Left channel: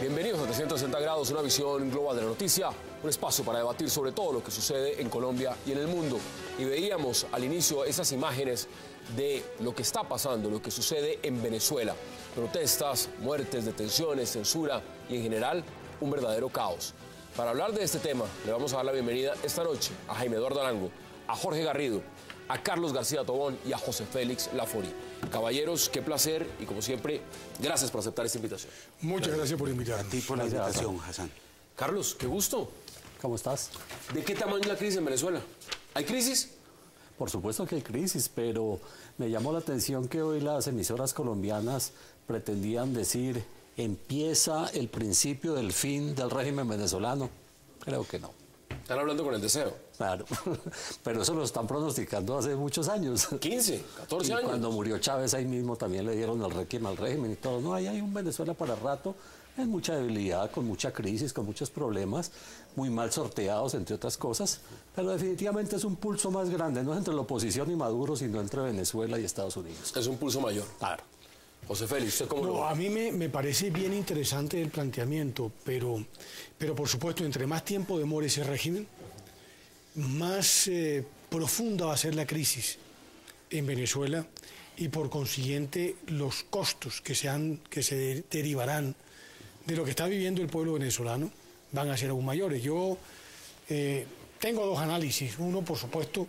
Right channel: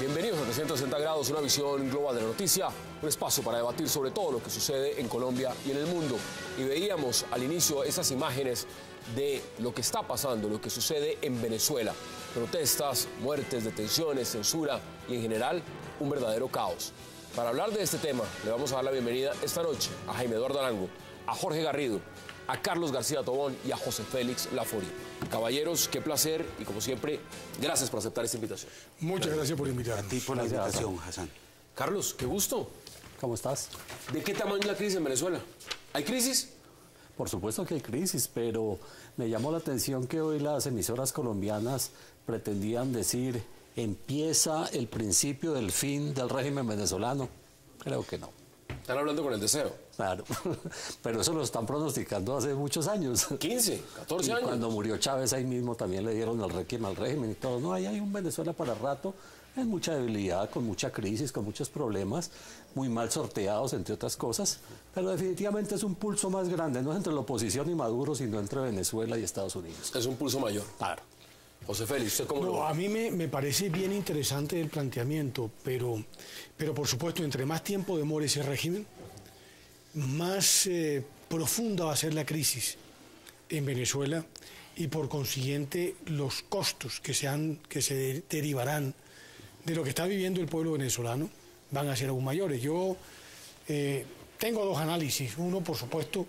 Bienvenidos a 360 grados, una visión global de la noticia, un espacio para debatir sobre todo lo que sucede en Colombia y en el mundo. Y veíamos al inicio esas imágenes de lo que está pasando, lo que sucede en Venezuela. Protestas, muertes, detenciones, censura y en general un verdadero caos. Para hablar de este tema, le vamos a dar la bienvenida esta noche a Jaime Eduardo Arango, a Jorge Garrido, a Carlos García Tobón y a José Félix Lafori. Caballeros, qué placer y como siempre, gracias por aceptar esta invitación. Muchas gracias por invitarnos. A ti por la invitación, Hassan. Carlos, qué gusto. ¿Cómo estás? ¿De qué tamaño es la crisis en Venezuela? ¿Hay crisis? Por supuesto que hay crisis, pero me llamó la atención que hoy las emisoras colombianas pretendían decir empieza el principio del fin del régimen venezolano. Creo que no. Están hablando con el deseo. Claro, pero eso lo están pronosticando hace muchos años. 15, 14 Y años. cuando murió Chávez ahí mismo también le dieron el requiem al régimen y todo. No, ahí hay un Venezuela para rato, en mucha debilidad, con mucha crisis, con muchos problemas, muy mal sorteados, entre otras cosas. Pero definitivamente es un pulso más grande, no es entre la oposición y Maduro, sino entre Venezuela y Estados Unidos. Es un pulso mayor. Claro. José Félix, ¿usted cómo lo No, ve? a mí me parece bien interesante el planteamiento, pero por supuesto, entre más tiempo demore ese régimen, más profunda va a ser la crisis en Venezuela y por consiguiente los costos que se derivarán de lo que está viviendo el pueblo venezolano van a ser aún mayores. Yo tengo dos análisis. Uno, por supuesto,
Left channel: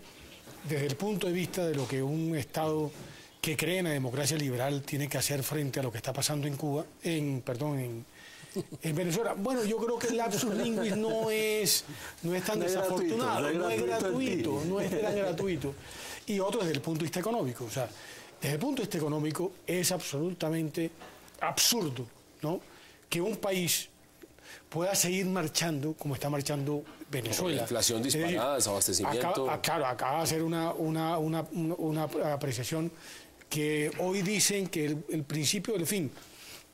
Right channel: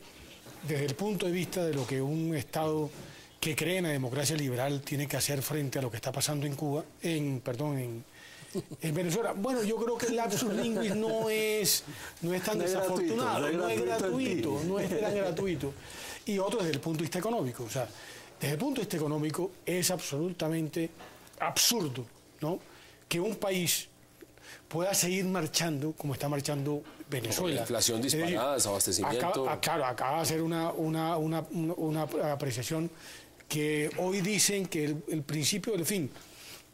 desde el punto de vista de lo que un Estado que cree en la democracia liberal tiene que hacer frente a lo que está pasando en Cuba, en Venezuela. Bueno, yo creo que el lapsus linguis no es tan desafortunado, no es tan gratuito. Y otro desde el punto de vista económico. O sea, desde el punto de vista económico es absolutamente absurdo, ¿no?, que un país pueda seguir marchando como está marchando Venezuela. La inflación disparada, desabastecimiento. Acaba de hacer una apreciación que hoy dicen que el principio del fin,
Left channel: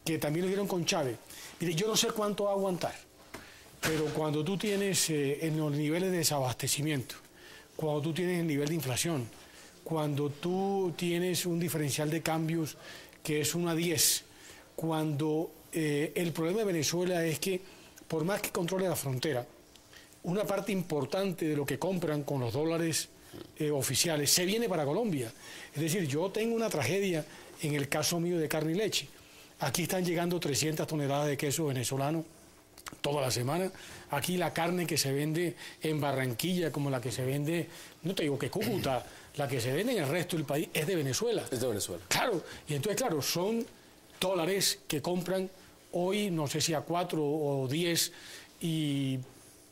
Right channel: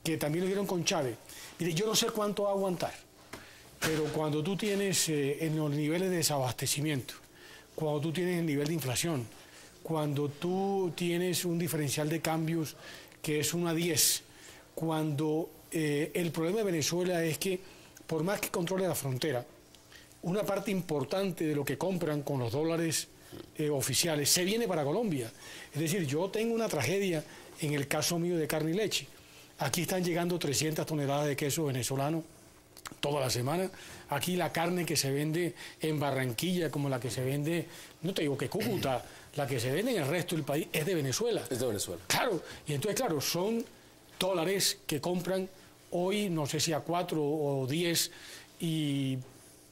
que también lo dieron con Chávez. Mire, yo no sé cuánto va a aguantar, pero cuando tú tienes en los niveles de desabastecimiento, cuando tú tienes el nivel de inflación, cuando tú tienes un diferencial de cambios que es 1 a 10, cuando el problema de Venezuela es que por más que controle la frontera, una parte importante de lo que compran con los dólares oficiales se viene para Colombia. Es decir, yo tengo una tragedia en el caso mío de carne y leche. Aquí están llegando 300 toneladas de queso venezolano toda la semana. Aquí la carne que se vende en Barranquilla, como la que se vende, no te digo que Cúcuta, la que se vende en el resto del país es de Venezuela. Es de Venezuela. Claro, y entonces, claro, son dólares que compran hoy, no sé si a 4 o 10, y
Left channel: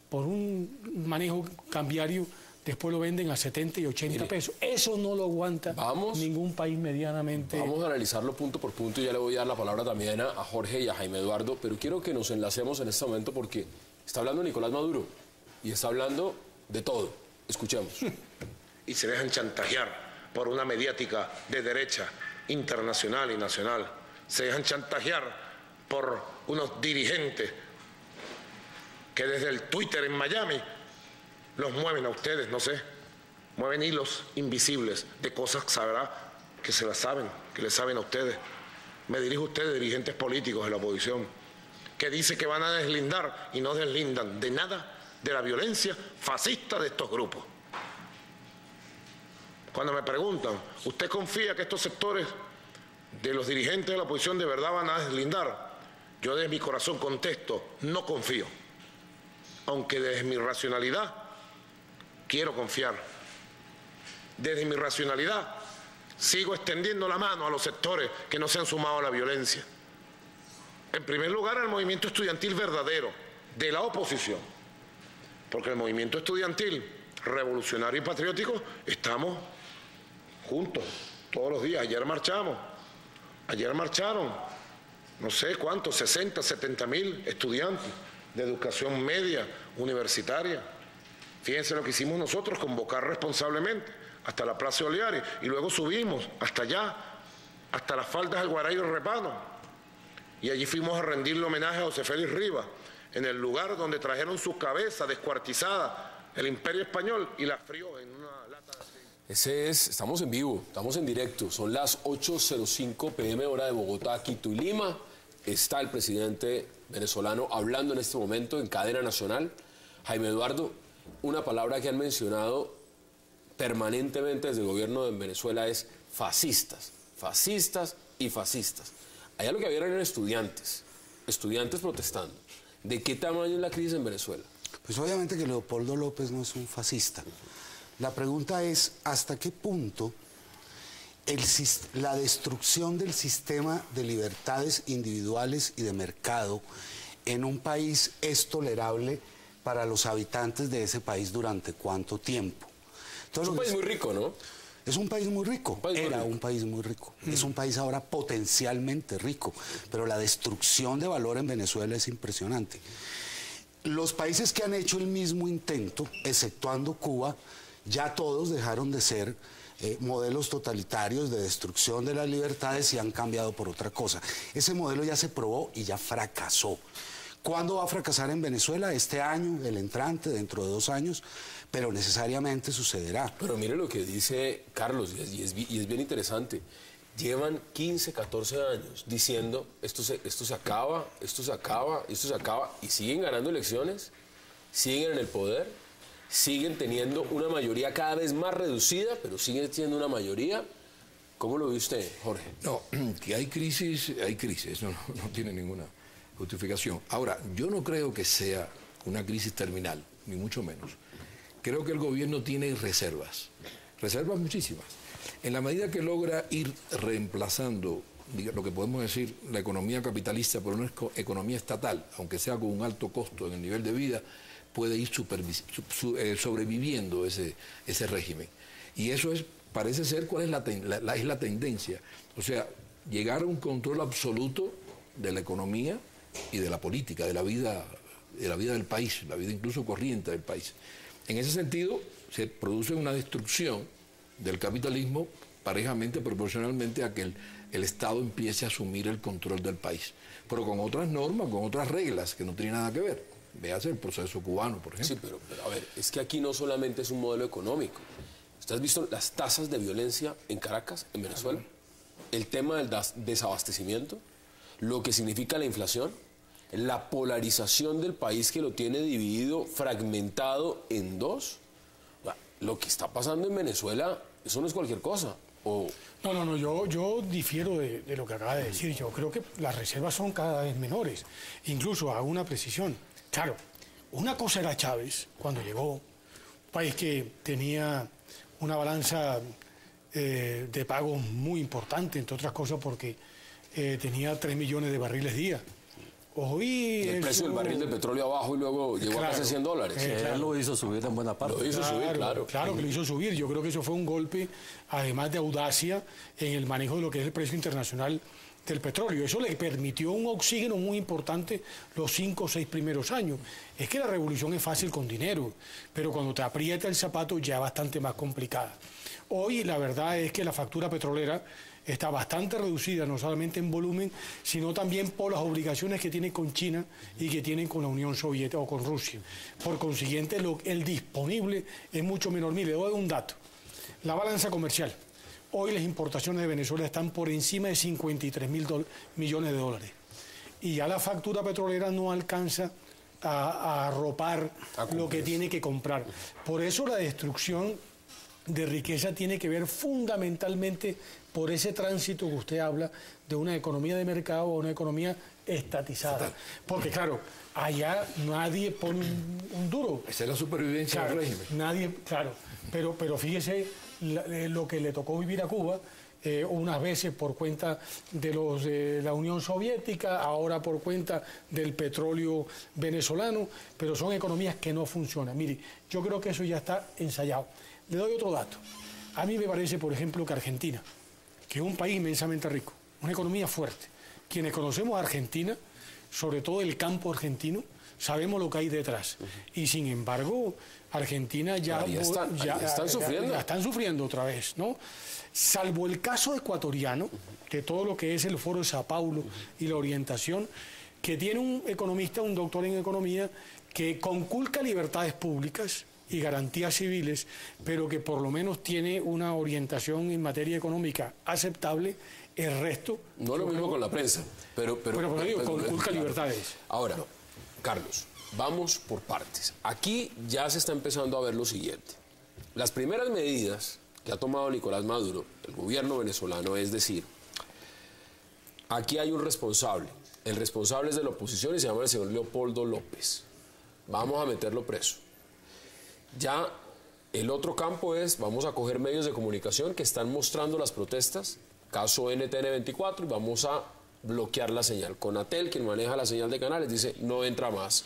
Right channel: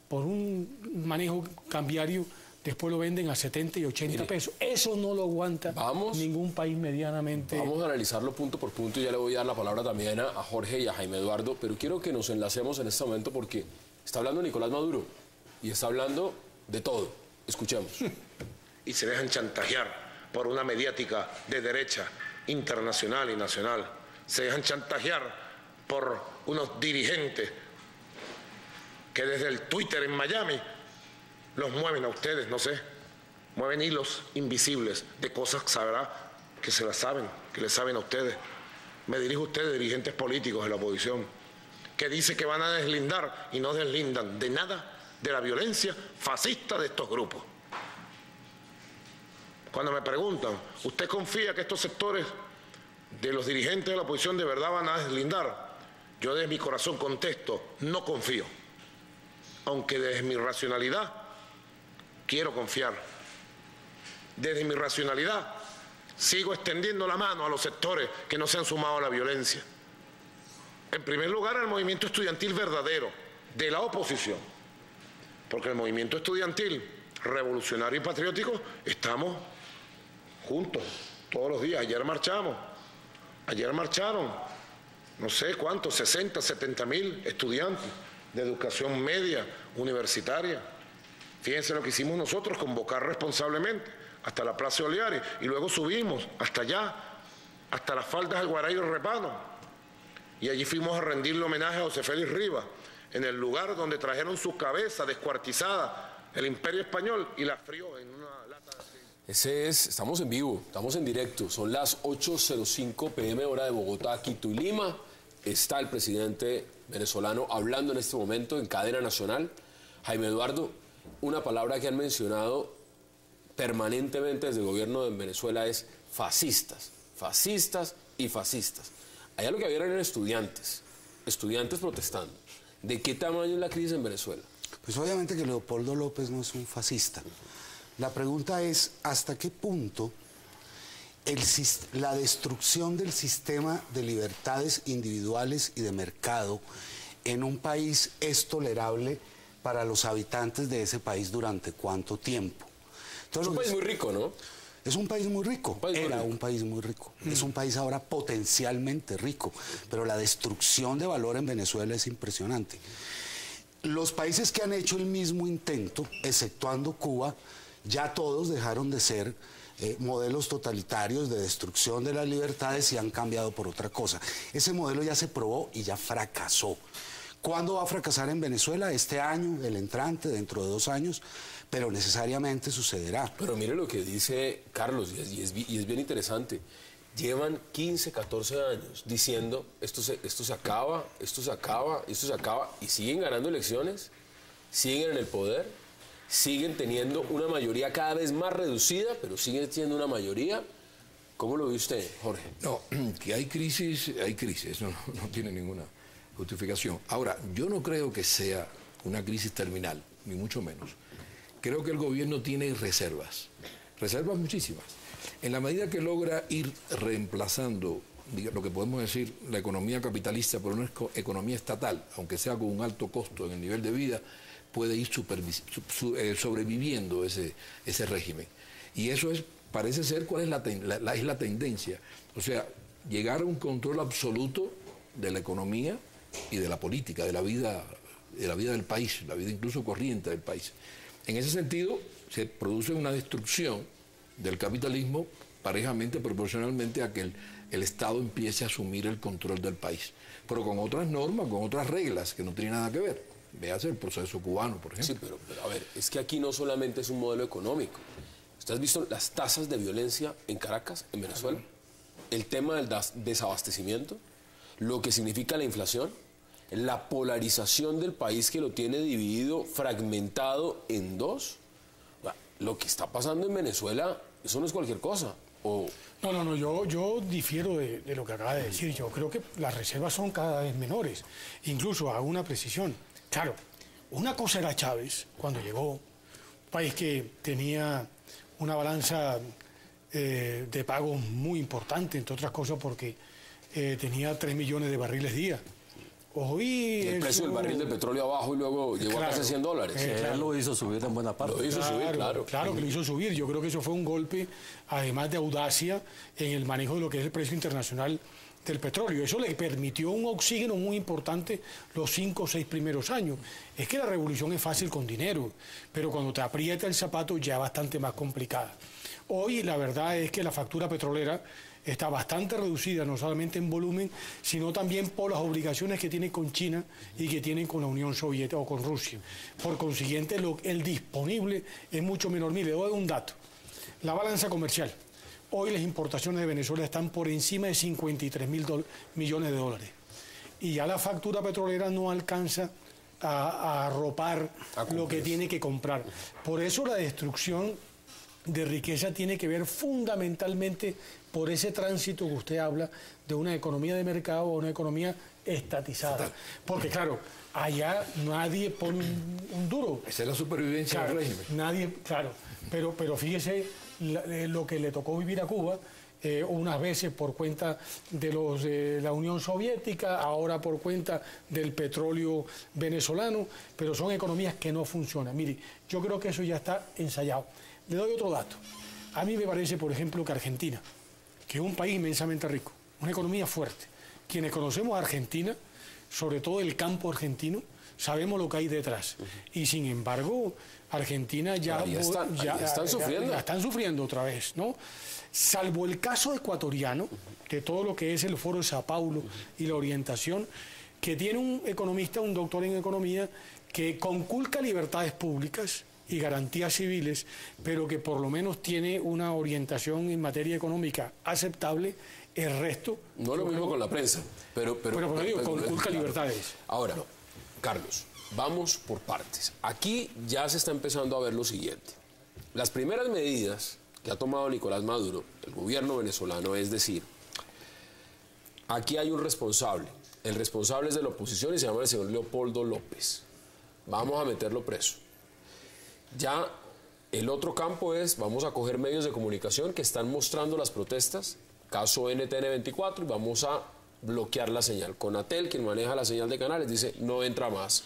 por un manejo cambiario después lo venden a 70 y 80 pesos. Eso no lo aguanta ningún país medianamente. Vamos a analizarlo punto por punto y ya le voy a dar la palabra también a Jorge y a Jaime Eduardo, pero quiero que nos enlacemos en este momento porque está hablando Nicolás Maduro y está hablando de todo. Escuchemos. Y se dejan chantajear por una mediática de derecha internacional y nacional. Se dejan chantajear por unos dirigentes que desde el Twitter en Miami los mueven a ustedes, no sé, mueven hilos invisibles de cosas sabrá que se las saben, que les saben a ustedes. Me dirijo a ustedes, dirigentes políticos de la oposición, que dicen que van a deslindar y no deslindan de nada de la violencia fascista de estos grupos. Cuando me preguntan, ¿usted confía que estos sectores de los dirigentes de la oposición de verdad van a deslindar? Yo de mi corazón contesto, no confío. Aunque desde mi racionalidad quiero confiar. Desde mi racionalidad sigo extendiendo la mano a los sectores que no se han sumado a la violencia. En primer lugar, al movimiento estudiantil verdadero, de la oposición. Porque el movimiento estudiantil revolucionario y patriótico estamos juntos todos los días. Ayer marcharon no sé cuántos, 60, 70 mil estudiantes de educación media, universitaria. Fíjense lo que hicimos nosotros, convocar responsablemente hasta la Plaza de Oliares, y luego subimos hasta allá, hasta las faldas del Guaraíro Repano, y allí fuimos a rendirle homenaje a José Félix Rivas, en el lugar donde trajeron su cabeza descuartizada el Imperio Español y la frió en una lata de... Estamos en vivo, estamos en directo, son las 8:05 p.m. hora de Bogotá, Quito y Lima. Está el presidente venezolano hablando en este momento en cadena nacional. Jaime Eduardo, una palabra que han mencionado permanentemente desde el gobierno de Venezuela es fascistas, fascistas y fascistas. Allá lo que había eran estudiantes protestando. ¿De qué tamaño es la crisis en Venezuela? Pues obviamente que Leopoldo López no es un fascista. La pregunta es, ¿hasta qué punto la destrucción del sistema de libertades individuales y de mercado en un país es tolerable para los habitantes de ese país durante cuánto tiempo? Es un país muy rico, ¿no? Es un país muy rico, era un país muy rico. Es un país ahora potencialmente rico, pero la destrucción de valor en Venezuela es impresionante. Los países que han hecho el mismo intento, exceptuando Cuba, ya todos dejaron de ser modelos totalitarios de destrucción de las libertades y han cambiado por otra cosa. Ese modelo ya se probó y ya fracasó. ¿Cuándo va a fracasar en Venezuela? Este año, el entrante, dentro de 2 años, pero necesariamente sucederá. Pero mire lo que dice Carlos, y es bien interesante. Llevan 15, 14 años diciendo esto se acaba, y siguen ganando elecciones, siguen en el poder, siguen teniendo una mayoría cada vez más reducida, pero siguen teniendo una mayoría. ¿Cómo lo ve usted, Jorge? No, que hay crisis, no tiene ninguna justificación. Ahora, yo no creo que sea una crisis terminal, ni mucho menos. Creo que el gobierno tiene reservas muchísimas. En la medida que logra ir reemplazando, lo que podemos decir, la economía capitalista por una economía estatal, aunque sea con un alto costo en el nivel de vida, puede ir sobreviviendo ese régimen. Y eso parece ser cuál es la tendencia. O sea, llegar a un control absoluto de la economía y de la política, de la vida del país, la vida incluso corriente del país. En ese sentido, se produce una destrucción del capitalismo parejamente, proporcionalmente a que el Estado empiece a asumir el control del país, pero con otras normas, con otras reglas que no tienen nada que ver. Véase el proceso cubano, por ejemplo. Sí, pero a ver, es que aquí no solamente es un modelo económico. ¿Usted has visto las tasas de violencia en Caracas, en Venezuela? El tema del desabastecimiento, lo que significa la inflación, la polarización del país que lo tiene dividido, fragmentado en dos. Lo que está pasando en Venezuela, eso no es cualquier cosa. No, yo difiero de lo que acaba de decir. Yo creo que las reservas son cada vez menores. Incluso hago una precisión. Claro, una cosa era Chávez, cuando llegó, un país que tenía una balanza de pagos muy importante, entre otras cosas porque tenía 3 millones de barriles día. Y el precio del barril de petróleo abajo y luego llegó a casi $100. Él lo hizo subir en buena parte. Lo hizo subir, claro. Claro que lo hizo subir. Yo creo que eso fue un golpe, además de audacia, en el manejo de lo que es el precio internacional del petróleo. Eso le permitió un oxígeno muy importante los 5 o 6 primeros años. Es que la revolución es fácil con dinero, pero cuando te aprieta el zapato ya es bastante más complicada. Hoy la verdad es que la factura petrolera está bastante reducida, no solamente en volumen, sino también por las obligaciones que tiene con China y que tienen con la Unión Soviética o con Rusia. Por consiguiente, el disponible es mucho menor. Mire, le doy un dato. La balanza comercial. Hoy las importaciones de Venezuela están por encima de 53 mil millones de dólares. Y ya la factura petrolera no alcanza a arropar lo que tiene que comprar. Por eso la destrucción de riqueza tiene que ver fundamentalmente por ese tránsito que usted habla de una economía de mercado a una economía estatizada. Porque claro, allá nadie pone un duro. Esa es la supervivencia del régimen. Nadie, claro. Pero fíjese lo que le tocó vivir a Cuba, unas veces por cuenta de la Unión Soviética, ahora por cuenta del petróleo venezolano, pero son economías que no funcionan. Mire, yo creo que eso ya está ensayado. Le doy otro dato. A mí me parece, por ejemplo, que Argentina, que es un país inmensamente rico, una economía fuerte, quienes conocemos Argentina, sobre todo el campo argentino, sabemos lo que hay detrás. Y sin embargo, Argentina ya están sufriendo otra vez, ¿no? Salvo el caso ecuatoriano, de todo lo que es el Foro de Sao Paulo y la orientación, que tiene un economista, un doctor en economía, que conculca libertades públicas y garantías civiles, pero que por lo menos tiene una orientación en materia económica aceptable. El resto... No lo mismo con la prensa, pero conculca libertades. Ahora, Carlos, vamos por partes. Aquí ya se está empezando a ver lo siguiente. Las primeras medidas que ha tomado Nicolás Maduro, el gobierno venezolano, es decir, aquí hay un responsable. El responsable es de la oposición y se llama el señor Leopoldo López. Vamos a meterlo preso. Ya el otro campo es, vamos a coger medios de comunicación que están mostrando las protestas, caso NTN24, y vamos a bloquear la señal. Conatel, quien maneja la señal de canales, dice, no entra más.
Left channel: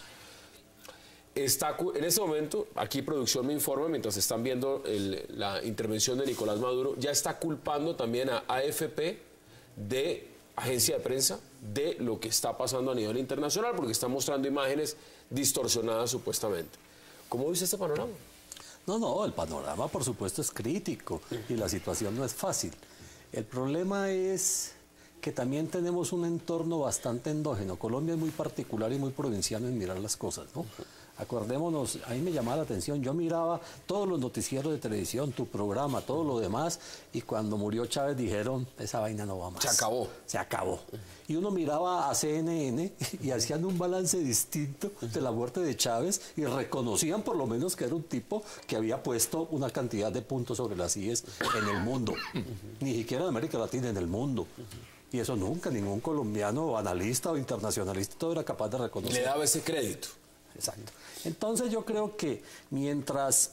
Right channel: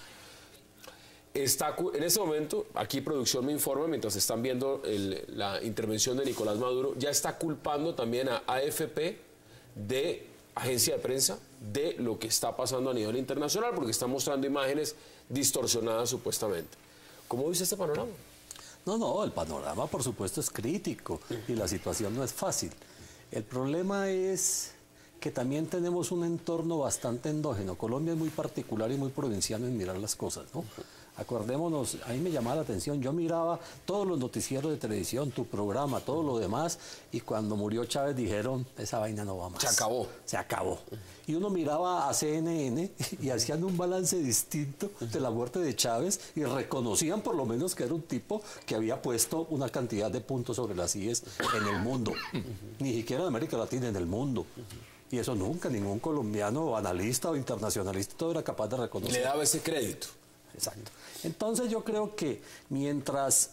En este momento, aquí producción me informa, mientras están viendo la intervención de Nicolás Maduro, ya está culpando también a AFP de agencia de prensa de lo que está pasando a nivel internacional, porque está mostrando imágenes distorsionadas supuestamente. ¿Cómo dice este panorama? No, el panorama por supuesto es crítico y la situación no es fácil. El problema es que también tenemos un entorno bastante endógeno. Colombia es muy particular y muy provinciano en mirar las cosas, ¿no? Acordémonos, a mí me llamaba la atención, yo miraba todos los noticieros de televisión, tu programa, todo lo demás, y cuando murió Chávez dijeron, esa vaina no va más. Se acabó. Se acabó. Y uno miraba a CNN y hacían un balance distinto de la muerte de Chávez y reconocían por lo menos que era un tipo que había puesto una cantidad de puntos sobre las IES en el mundo. Ni siquiera en América Latina, en el mundo. Y eso nunca, ningún colombiano o analista o internacionalista todo era capaz de reconocer. Le daba ese crédito. Exacto. Entonces yo creo que mientras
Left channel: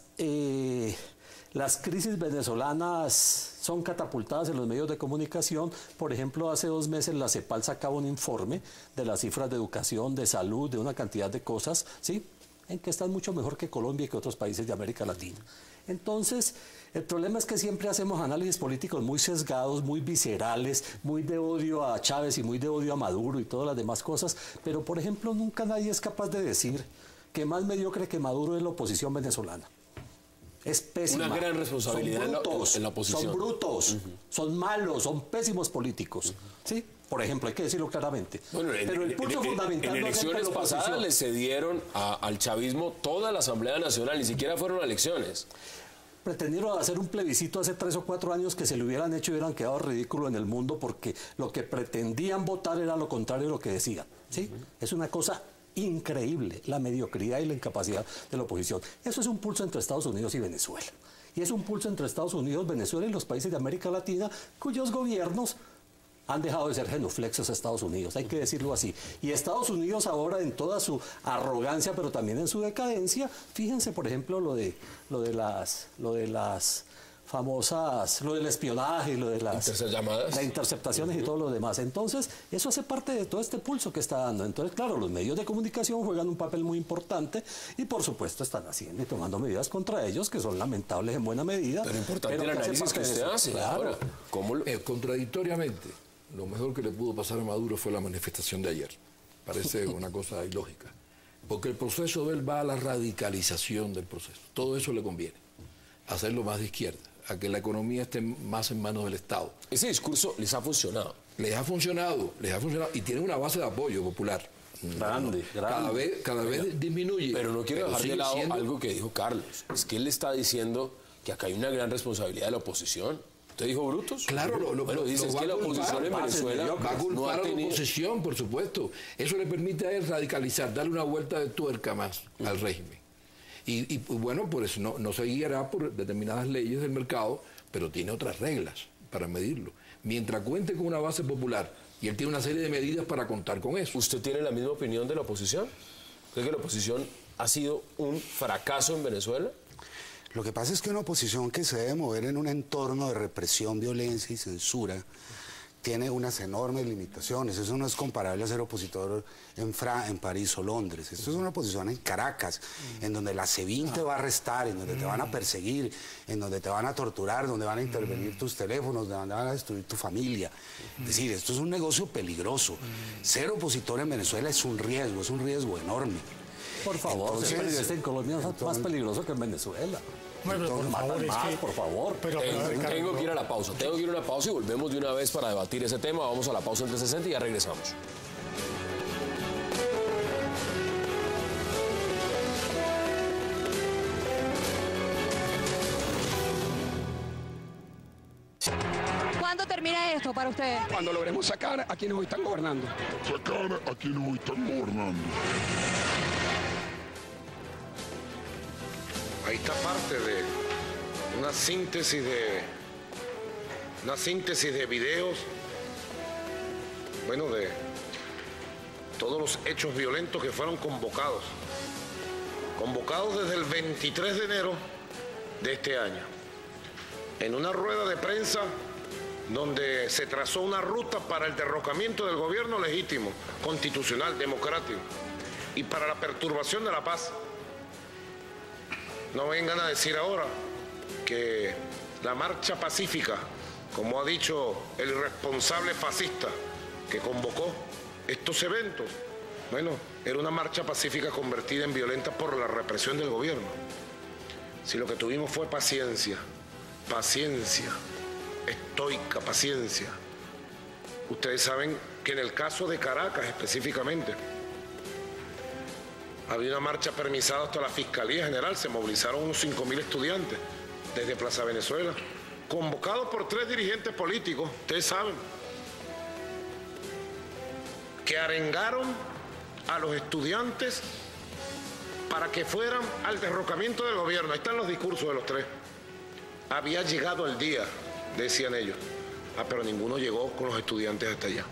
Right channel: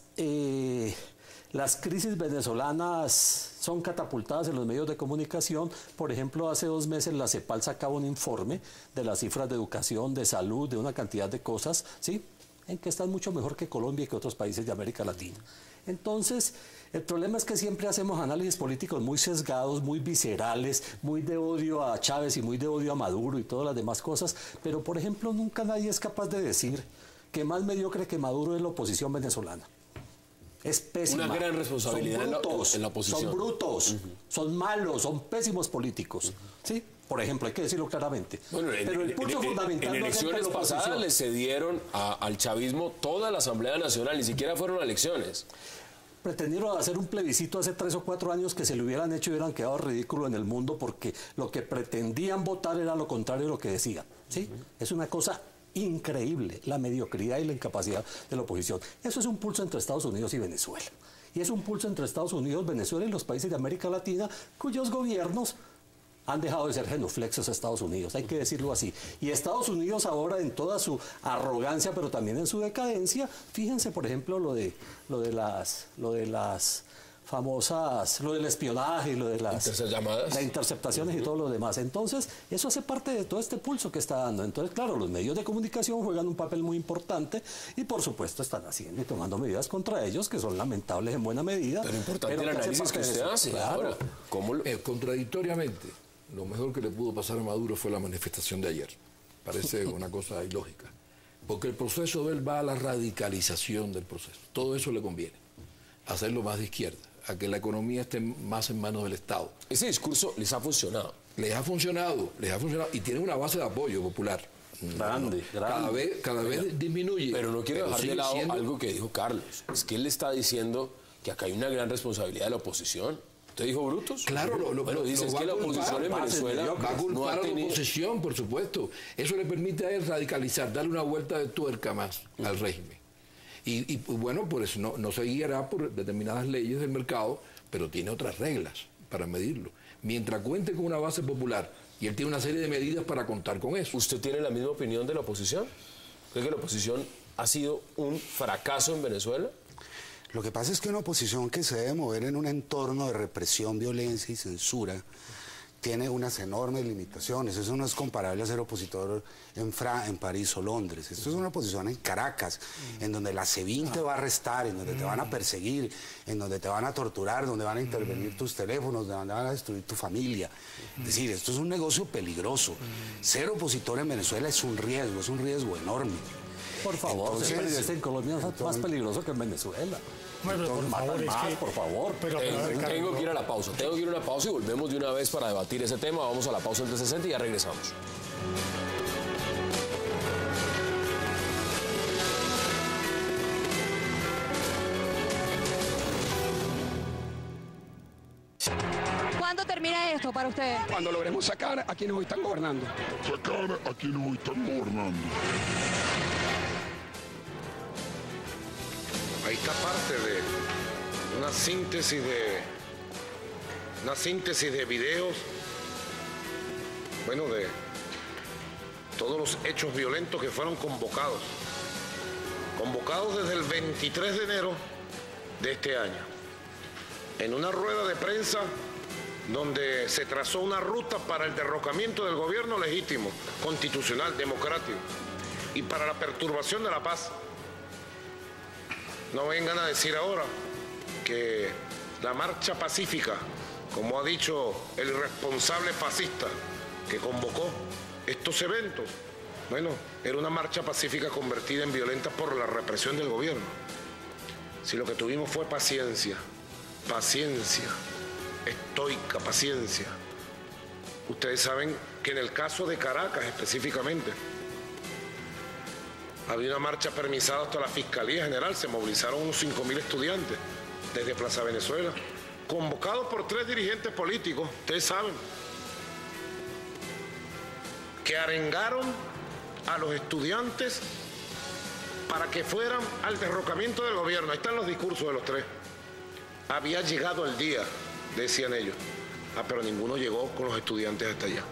las crisis venezolanas son catapultadas en los medios de comunicación, por ejemplo, hace 2 meses la CEPAL sacaba un informe de las cifras de educación, de salud, de una cantidad de cosas, ¿sí?, en que están mucho mejor que Colombia y que otros países de América Latina. Entonces, el problema es que siempre hacemos análisis políticos muy sesgados, muy viscerales, muy de odio a Chávez y muy de odio a Maduro y todas las demás cosas, pero por ejemplo nunca nadie es capaz de decir que más mediocre que Maduro es la oposición venezolana. Es pésima. Una gran responsabilidad en la oposición. Son brutos, son malos, son pésimos políticos. ¿Sí? Por ejemplo, hay que decirlo claramente. Bueno, pero el pulso fundamental en elecciones pasadas le cedieron al chavismo toda la Asamblea Nacional, ni siquiera fueron elecciones. Pretendieron hacer un plebiscito hace 3 o 4 años que se le hubieran hecho y hubieran quedado ridículo en el mundo porque lo que pretendían votar era lo contrario de lo que decían. ¿Sí? Es una cosa increíble, la mediocridad y la incapacidad de la oposición. Eso es un pulso entre Estados Unidos y Venezuela. Y es un pulso entre Estados Unidos, Venezuela y los países de América Latina cuyos gobiernos han dejado de ser genuflexos a Estados Unidos, hay que decirlo así. Y Estados Unidos ahora en toda su arrogancia, pero también en su decadencia, fíjense por ejemplo lo de las famosas, lo del espionaje, lo de las interceptaciones y todo lo demás. Entonces, eso hace parte de todo este pulso que está dando. Entonces, claro, los medios de comunicación juegan un papel muy importante y, por supuesto, están haciendo y tomando medidas contra ellos que son lamentables en buena medida. Pero importante el análisis que se hace. Claro. Ahora, contradictoriamente, lo mejor que le pudo pasar a Maduro fue la manifestación de ayer. Parece una cosa ilógica. Porque el proceso de él va a la radicalización del proceso. Todo eso le conviene. Hacerlo más de izquierda, a que la economía esté más en manos del Estado. Ese discurso les ha funcionado. Les ha funcionado y tiene una base de apoyo popular. Grande. Cada vez disminuye. Pero no quiero dejar de lado algo que dijo Carlos. Es que él está diciendo que acá hay una gran responsabilidad de la oposición. ¿Usted dijo brutos? Claro, dice que la oposición en Venezuela no ha tenido oposición, por supuesto. Eso le permite a él radicalizar, darle una vuelta de tuerca más al régimen. Y bueno, por eso no se guiará por determinadas leyes del mercado, pero tiene otras reglas para medirlo. Mientras cuente con una base popular, y él tiene una serie de medidas para contar con eso. ¿Usted tiene la misma opinión de la oposición? ¿Cree que la oposición ha sido un fracaso en Venezuela? Lo que pasa es que una oposición que se debe mover en un entorno de represión, violencia y censura tiene unas enormes limitaciones. Eso no es comparable a ser opositor en París o Londres. Esto es una posición en Caracas, en donde la SEBIN te va a arrestar, en donde te van a perseguir, en donde te van a torturar, donde van a intervenir tus teléfonos, donde van a destruir tu familia. Es decir, esto es un negocio peligroso. Ser opositor en Venezuela es un riesgo enorme. Por favor, en Colombia es más peligroso que en Venezuela. Bueno, por favor, por favor. Pero, tengo que ir a la pausa. Tengo que ir a una pausa y volvemos de una vez para debatir ese tema. Vamos a la pausa de 60 y ya regresamos. ¿Cuándo termina esto para ustedes? Cuando logremos sacar a quienes hoy están gobernando. Sacar a quienes hoy están gobernando. Ahí está parte de una síntesis de videos, bueno, de todos los hechos violentos que fueron convocados desde el 23 de enero de este año, en una rueda de prensa donde se trazó una ruta para el derrocamiento del gobierno legítimo, constitucional, democrático, y para la perturbación de la paz. No vengan a decir ahora que la marcha pacífica, como ha dicho el responsable fascista que convocó estos eventos, bueno, era una marcha pacífica convertida en violenta por la represión del gobierno. Si lo que tuvimos fue paciencia, estoica paciencia. Ustedes saben que en el caso de Caracas específicamente, había una marcha permisada hasta la Fiscalía General, se movilizaron unos 5.000 estudiantes desde Plaza Venezuela, convocados por 3 dirigentes políticos, ustedes saben, que arengaron a los estudiantes para que fueran al derrocamiento del gobierno. Ahí están los discursos de los 3. Había llegado el día, decían ellos, pero ninguno llegó con los estudiantes hasta allá.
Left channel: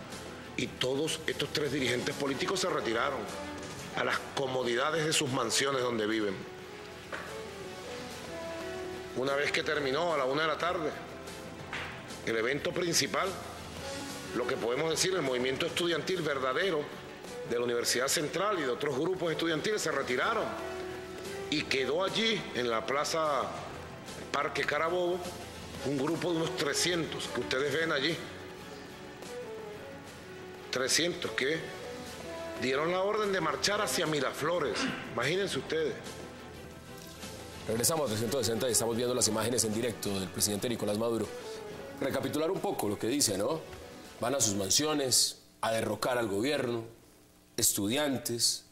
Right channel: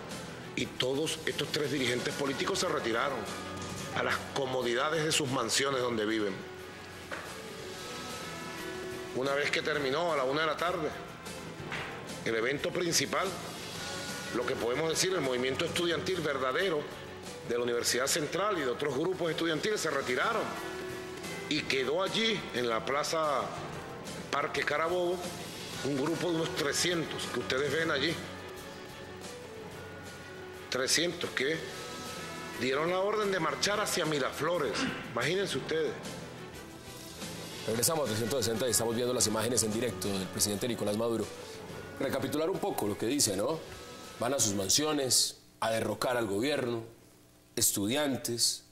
Y todos estos 3 dirigentes políticos se retiraron a las comodidades de sus mansiones donde viven. Una vez que terminó a la 1 de la tarde el evento principal, lo que podemos decir, el movimiento estudiantil verdadero de la Universidad Central y de otros grupos estudiantiles se retiraron y quedó allí en la plaza Parque Carabobo un grupo de unos 300 que ustedes ven allí, 300 que dieron la orden de marchar hacia Miraflores. Imagínense ustedes. Regresamos a 360 y estamos viendo las imágenes en directo del presidente Nicolás Maduro. Recapitular un poco lo que dice, ¿no? Van a sus mansiones a derrocar al gobierno, estudiantes.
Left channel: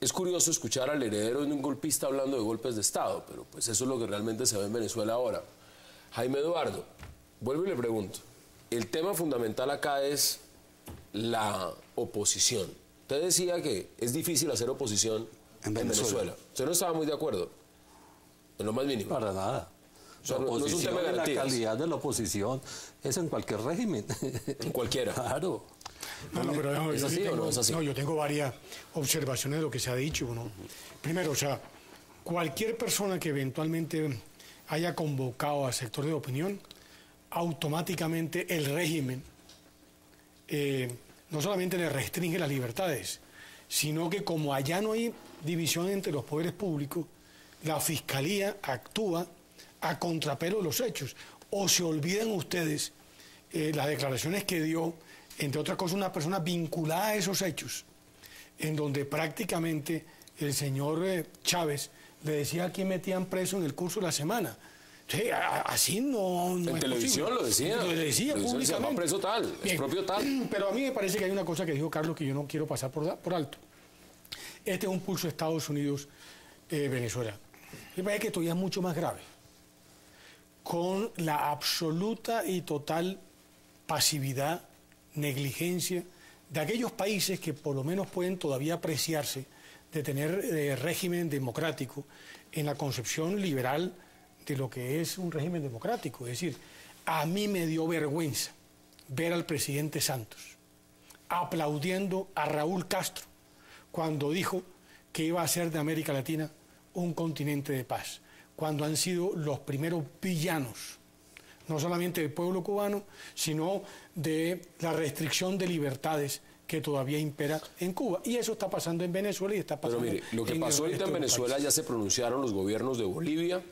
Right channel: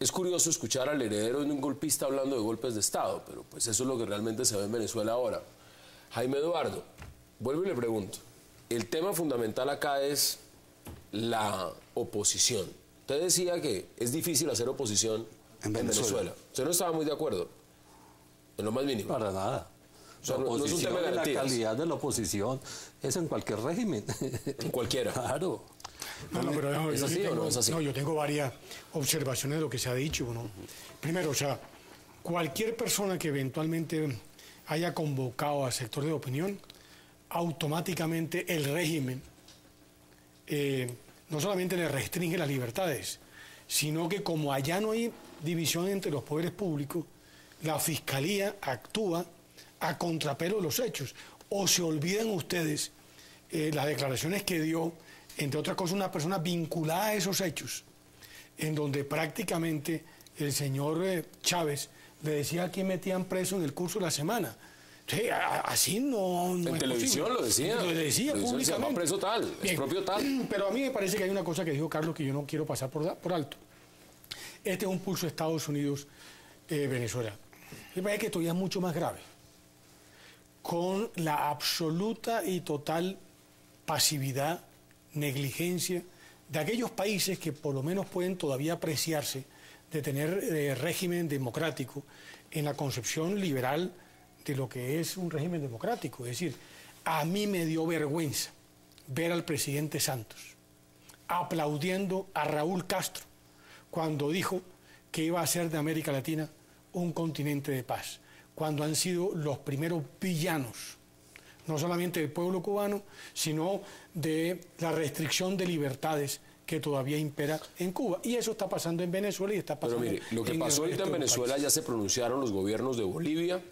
Es curioso escuchar al heredero de un golpista hablando de golpes de Estado, pero pues eso es lo que realmente se ve en Venezuela ahora. Jaime Eduardo, vuelvo y le pregunto. El tema fundamental acá es la oposición. Usted decía que es difícil hacer oposición en Venezuela. Usted no estaba muy de acuerdo, en lo más mínimo. Para nada. O sea, La oposición, no es un tema de la garantías. calidad de la oposición es en cualquier régimen. En cualquiera. Claro. No, pero no, ¿Es yo, así tengo, o no es así? no, yo tengo varias observaciones de lo que se ha dicho, ¿no? Primero, o sea, cualquier persona que eventualmente haya convocado al sector de opinión, automáticamente el régimen no solamente le restringe las libertades, sino que como allá no hay división entre los poderes públicos, la Fiscalía actúa a contrapelo de los hechos. O se olvidan ustedes las declaraciones que dio, entre otras cosas, una persona vinculada a esos hechos, en donde prácticamente el señor Chávez le decía a quién metían preso en el curso de la semana. Sí, así no En es televisión posible. lo decía. Lo decía Se llama públicamente. preso tal, es Bien, propio tal. Pero a mí me parece que hay una cosa que dijo Carlos que yo no quiero pasar por alto. Este es un pulso de Estados Unidos, Venezuela. Me parece que todavía es mucho más grave. Con la absoluta y total pasividad, negligencia de aquellos países que por lo menos pueden todavía apreciarse de tener régimen democrático en la concepción liberal de lo que es un régimen democrático. Es decir, a mí me dio vergüenza ver al presidente Santos aplaudiendo a Raúl Castro cuando dijo que iba a hacer de América Latina un continente de paz, cuando han sido los primeros villanos no solamente del pueblo cubano, sino de la restricción de libertades que todavía impera en Cuba. Y eso está pasando en Venezuela y está pasando. Pero mire, lo que pasó ahorita en Venezuela, ya se pronunciaron los gobiernos de Bolivia,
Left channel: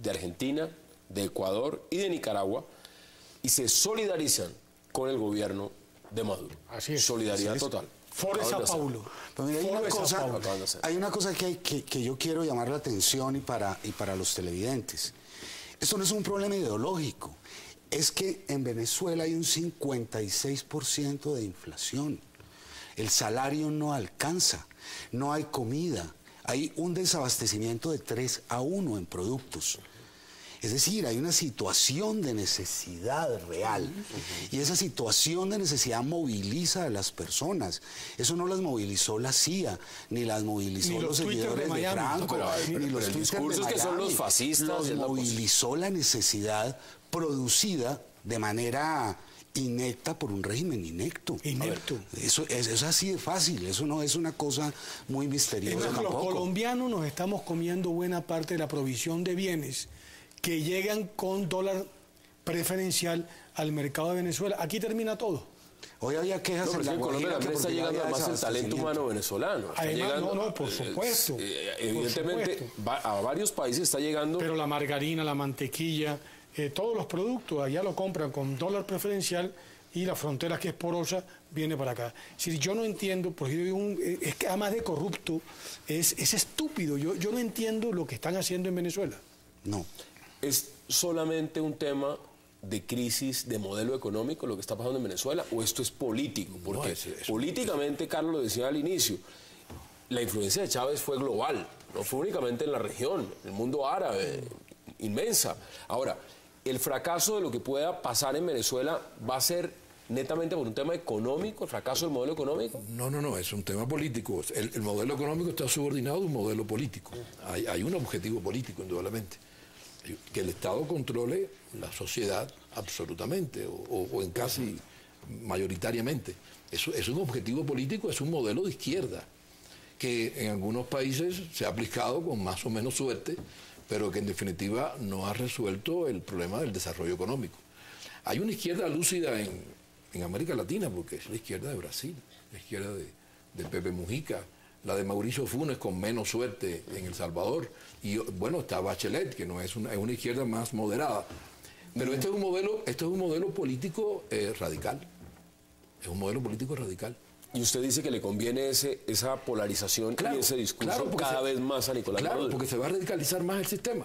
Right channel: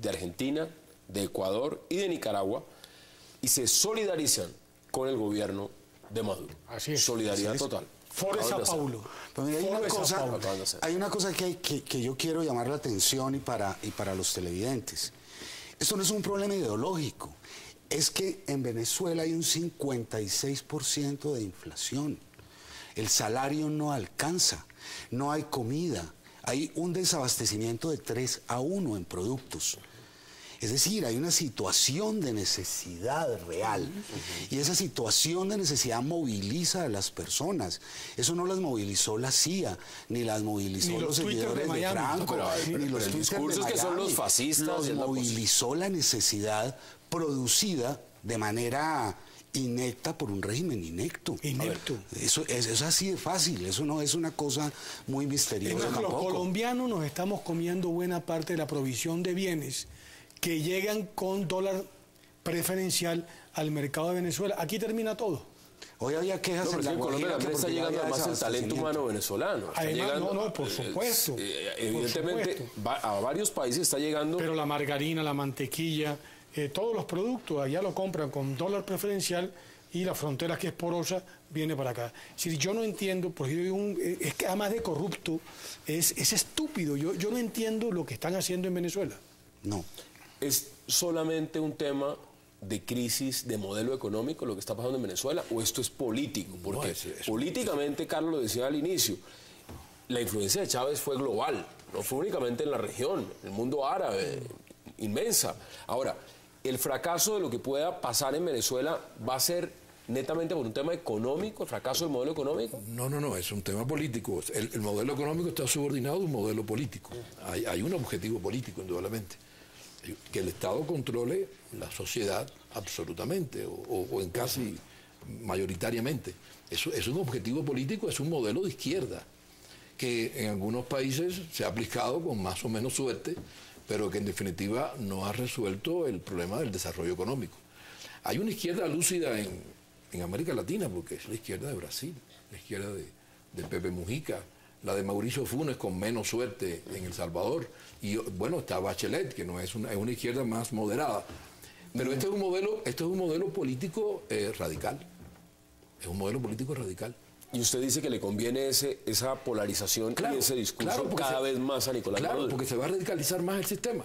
de Argentina, de Ecuador y de Nicaragua, y se solidarizan con el gobierno de Maduro. Así es. Solidaridad total. Fuerza Paulo. Pero mira, hay una cosa que yo quiero llamar la atención y para los televidentes. Esto no es un problema ideológico. Es que en Venezuela hay un 56% de inflación. El salario no alcanza, no hay comida, hay un desabastecimiento de 3-1 en productos. Es decir, hay una situación de necesidad real y esa situación de necesidad moviliza a las personas. Eso no las movilizó la CIA, ni las movilizó ni los Twitter seguidores de de Franco, ni los discursos que son los fascistas. Los movilizó la necesidad producida de manera inecta por un régimen inecto. Inecto. Eso es así de fácil, eso no es una cosa muy misteriosa Los tampoco. colombianos nos estamos comiendo buena parte de la provisión de bienes que llegan con dólar preferencial al mercado de Venezuela. Aquí termina todo. Hoy había quejas en la Colombia está llegando más el talento humano venezolano. Además, por supuesto. Evidentemente, a varios países está llegando. Pero la margarina, la mantequilla, todos los productos allá lo compran con dólar preferencial y la frontera, que es porosa, viene para acá. Si yo no entiendo, porque es que además de corrupto, es estúpido. Yo no entiendo lo que están haciendo en Venezuela. No. ¿Es solamente un tema de crisis de modelo económico lo que está pasando en Venezuela o esto es político? Porque políticamente, Carlos lo decía al inicio, la influencia de Chávez fue global, no fue únicamente en la región, el mundo árabe, inmensa. Ahora, el fracaso de lo que pueda pasar en Venezuela va a ser netamente por un tema económico, el fracaso del modelo económico. No, es un tema político. El modelo económico está subordinado a un modelo político. Hay un objetivo político, indudablemente. Que el Estado controle la sociedad absolutamente, o en casi mayoritariamente. Eso es un objetivo político, es un modelo de izquierda, que en algunos países se ha aplicado con más o menos suerte, pero que en definitiva no ha resuelto el problema del desarrollo económico. Hay una izquierda lúcida en América Latina, porque es la izquierda de Brasil, la izquierda de Pepe Mujica, la de Mauricio Funes con menos suerte en El Salvador, y bueno, está Bachelet, que no es una izquierda más moderada. Pero este es un modelo político radical. Es un modelo político radical. Y usted dice que le conviene esa polarización y ese discurso cada vez más a Nicolás Maduro. Claro, porque se va a radicalizar más el sistema.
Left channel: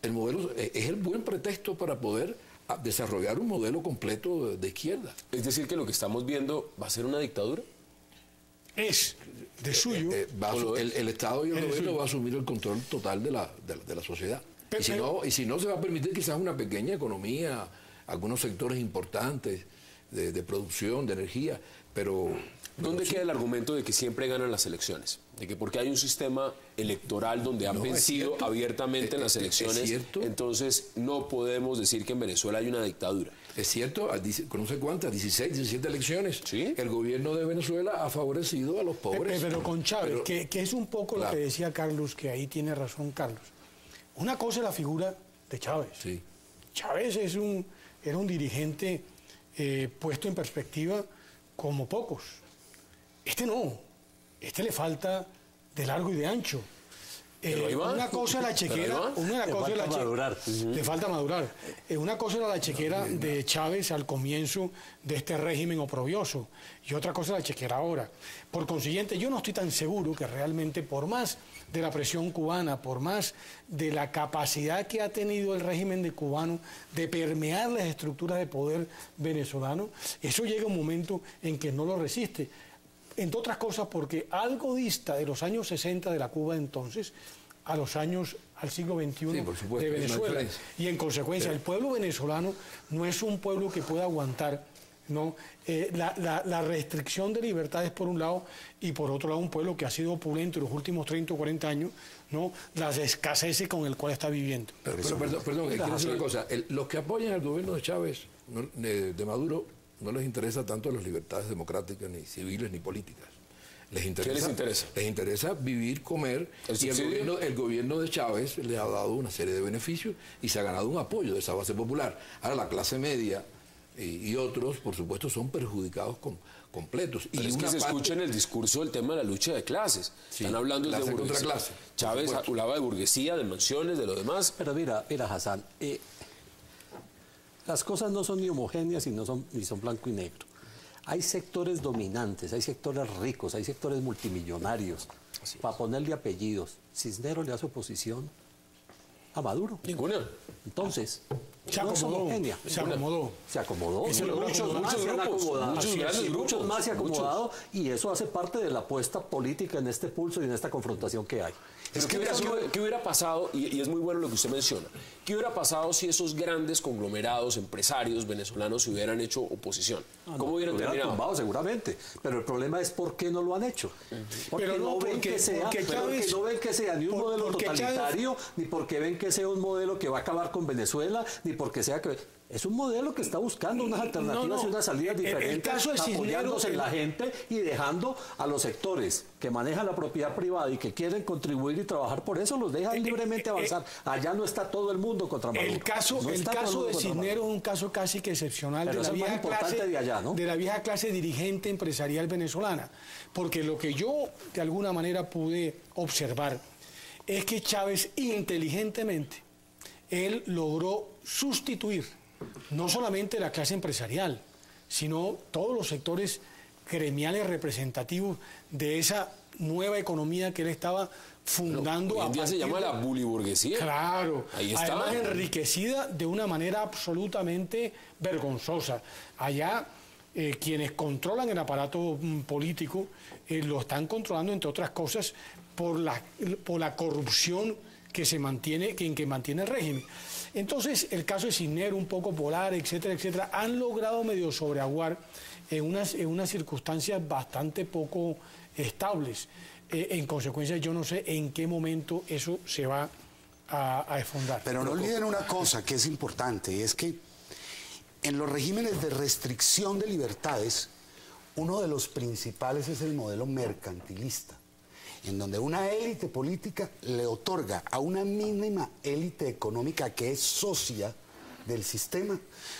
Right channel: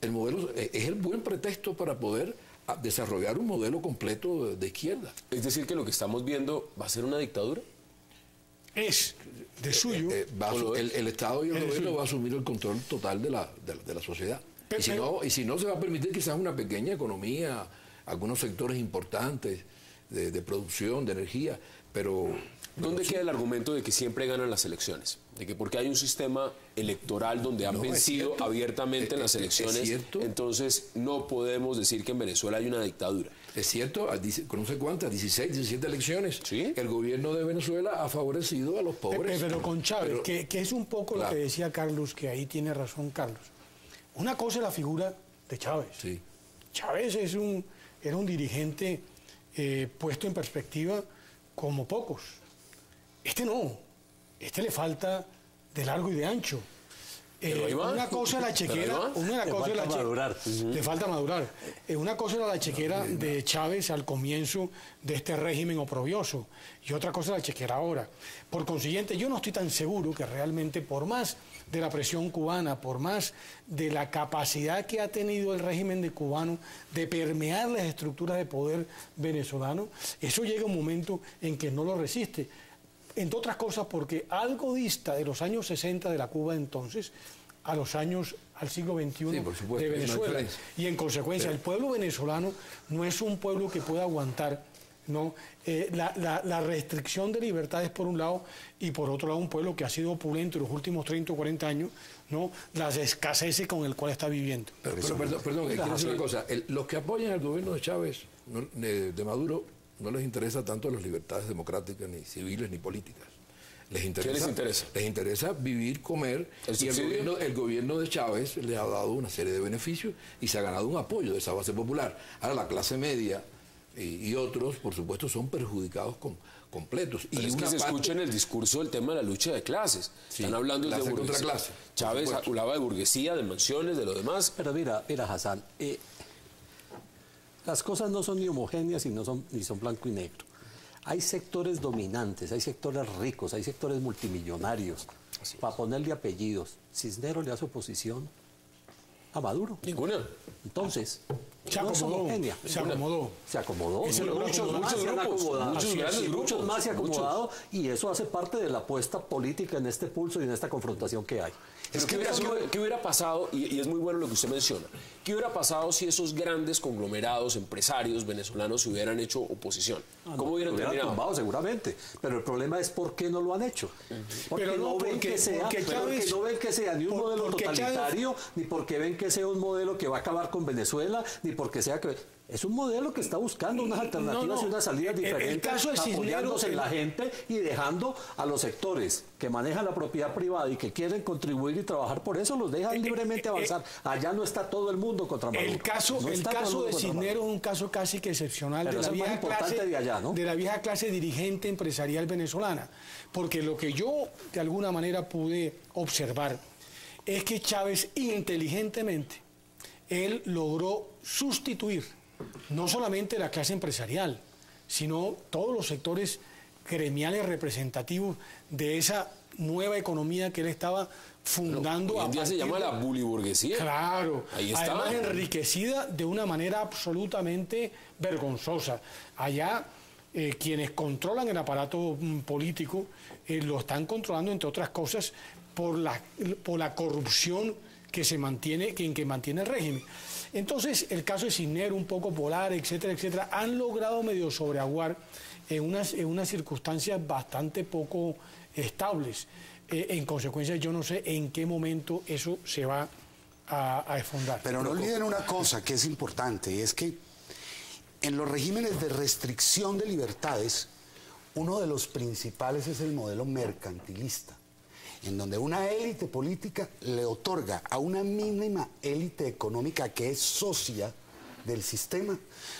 El modelo es el buen pretexto para poder desarrollar un modelo completo de izquierda. Es decir, que lo que estamos viendo va a ser una dictadura. Es de suyo. El Estado y el gobierno va a asumir el control total de la sociedad. Y si no, se va a permitir quizás una pequeña economía, algunos sectores importantes de producción, de energía, pero... ¿Dónde queda el argumento de que siempre ganan las elecciones? De que porque hay un sistema electoral donde han vencido abiertamente en las elecciones, entonces no podemos decir que en Venezuela hay una dictadura. Es cierto, no sé cuántas, 16, 17 elecciones, ¿sí? El gobierno de Venezuela ha favorecido a los pobres. Pero con Chávez, que es un poco lo que decía Carlos, que ahí tiene razón Carlos. Una cosa es la figura de Chávez. Sí. Chávez era un dirigente puesto en perspectiva como pocos. Este no. Este le falta de largo y de ancho. Una cosa es la chequera, le falta madurar. Una cosa era la chequera de Chávez al comienzo de este régimen oprobioso y otra cosa es la chequera ahora. Por consiguiente, yo no estoy tan seguro que realmente, por más de la presión cubana, por más de la capacidad que ha tenido el régimen de cubano de permear las estructuras de poder venezolano, eso llega un momento en que no lo resiste. Entre otras cosas porque algo dista de los años 60 de la Cuba entonces al siglo XXI de Venezuela. Y en consecuencia el pueblo venezolano no es un pueblo que pueda aguantar la restricción de libertades por un lado y por otro lado un pueblo que ha sido opulento en los últimos 30 o 40 años, las escaseces con el cual está viviendo. Perdón, quiero decir una cosa. Los que apoyan al gobierno de Chávez, de Maduro, no les interesa tanto las libertades democráticas, ni civiles, ni políticas. Les interesa? Les interesa vivir, comer, y el gobierno de Chávez le ha dado una serie de beneficios y se ha ganado un apoyo de esa base popular. Ahora la clase media y otros, por supuesto, son perjudicados completos. Y es que se escucha en el discurso el tema de la lucha de clases. Sí, están hablando de burguesía. Clase. Chávez hablaba de burguesía, de mansiones, de lo demás. Pero mira, Hassan, las cosas no son ni homogéneas ni son blanco y negro. Hay sectores dominantes, hay sectores ricos, hay sectores multimillonarios. Para ponerle apellidos, Cisneros le hace oposición a Maduro. Ninguna. Entonces, se acomodó. Se acomodó. Muchos más se han acomodado y eso hace parte de la apuesta política en este pulso y en esta confrontación que hay. Es que ¿qué hubiera pasado? Y es muy bueno lo que usted menciona. ¿Qué hubiera pasado si esos grandes conglomerados empresarios venezolanos se hubieran hecho oposición? ¿Cómo hubieran terminado? Tumbado, seguramente. Pero el problema es por qué no lo han hecho. Porque no ven que sea ni un modelo totalitario, ni porque ven que sea un modelo que va a acabar con Venezuela, ni porque sea que... Es un modelo que está buscando unas alternativas y unas salidas diferentes, apoyándose en la gente y dejando a los sectores que manejan la propiedad privada y que quieren contribuir y trabajar por eso, los dejan libremente avanzar. Allá no está todo el mundo contra Maduro. El caso de Cisneros es un caso casi que excepcional de la vieja clase dirigente empresarial venezolana. Porque lo que yo de alguna manera pude observar es que Chávez inteligentemente, él logró sustituir no solamente la clase empresarial, sino todos los sectores gremiales representativos de esa nueva economía que él estaba fundando. Hoy en día se llama la buliburguesía. Claro, ahí está. Además enriquecida de una manera absolutamente vergonzosa. Allá quienes controlan el aparato político lo están controlando, entre otras cosas, por la corrupción que mantiene el régimen. Entonces, el caso de Cisneros, un poco polar, etcétera, etcétera, han logrado medio sobreaguar en unas circunstancias bastante poco estables. En consecuencia, yo no sé en qué momento eso se va a desfondar. Pero no olviden una cosa que es importante, y es que en los regímenes de restricción de libertades, uno de los principales es el modelo mercantilista, en donde una élite política le otorga a una mínima élite económica que es socia del sistema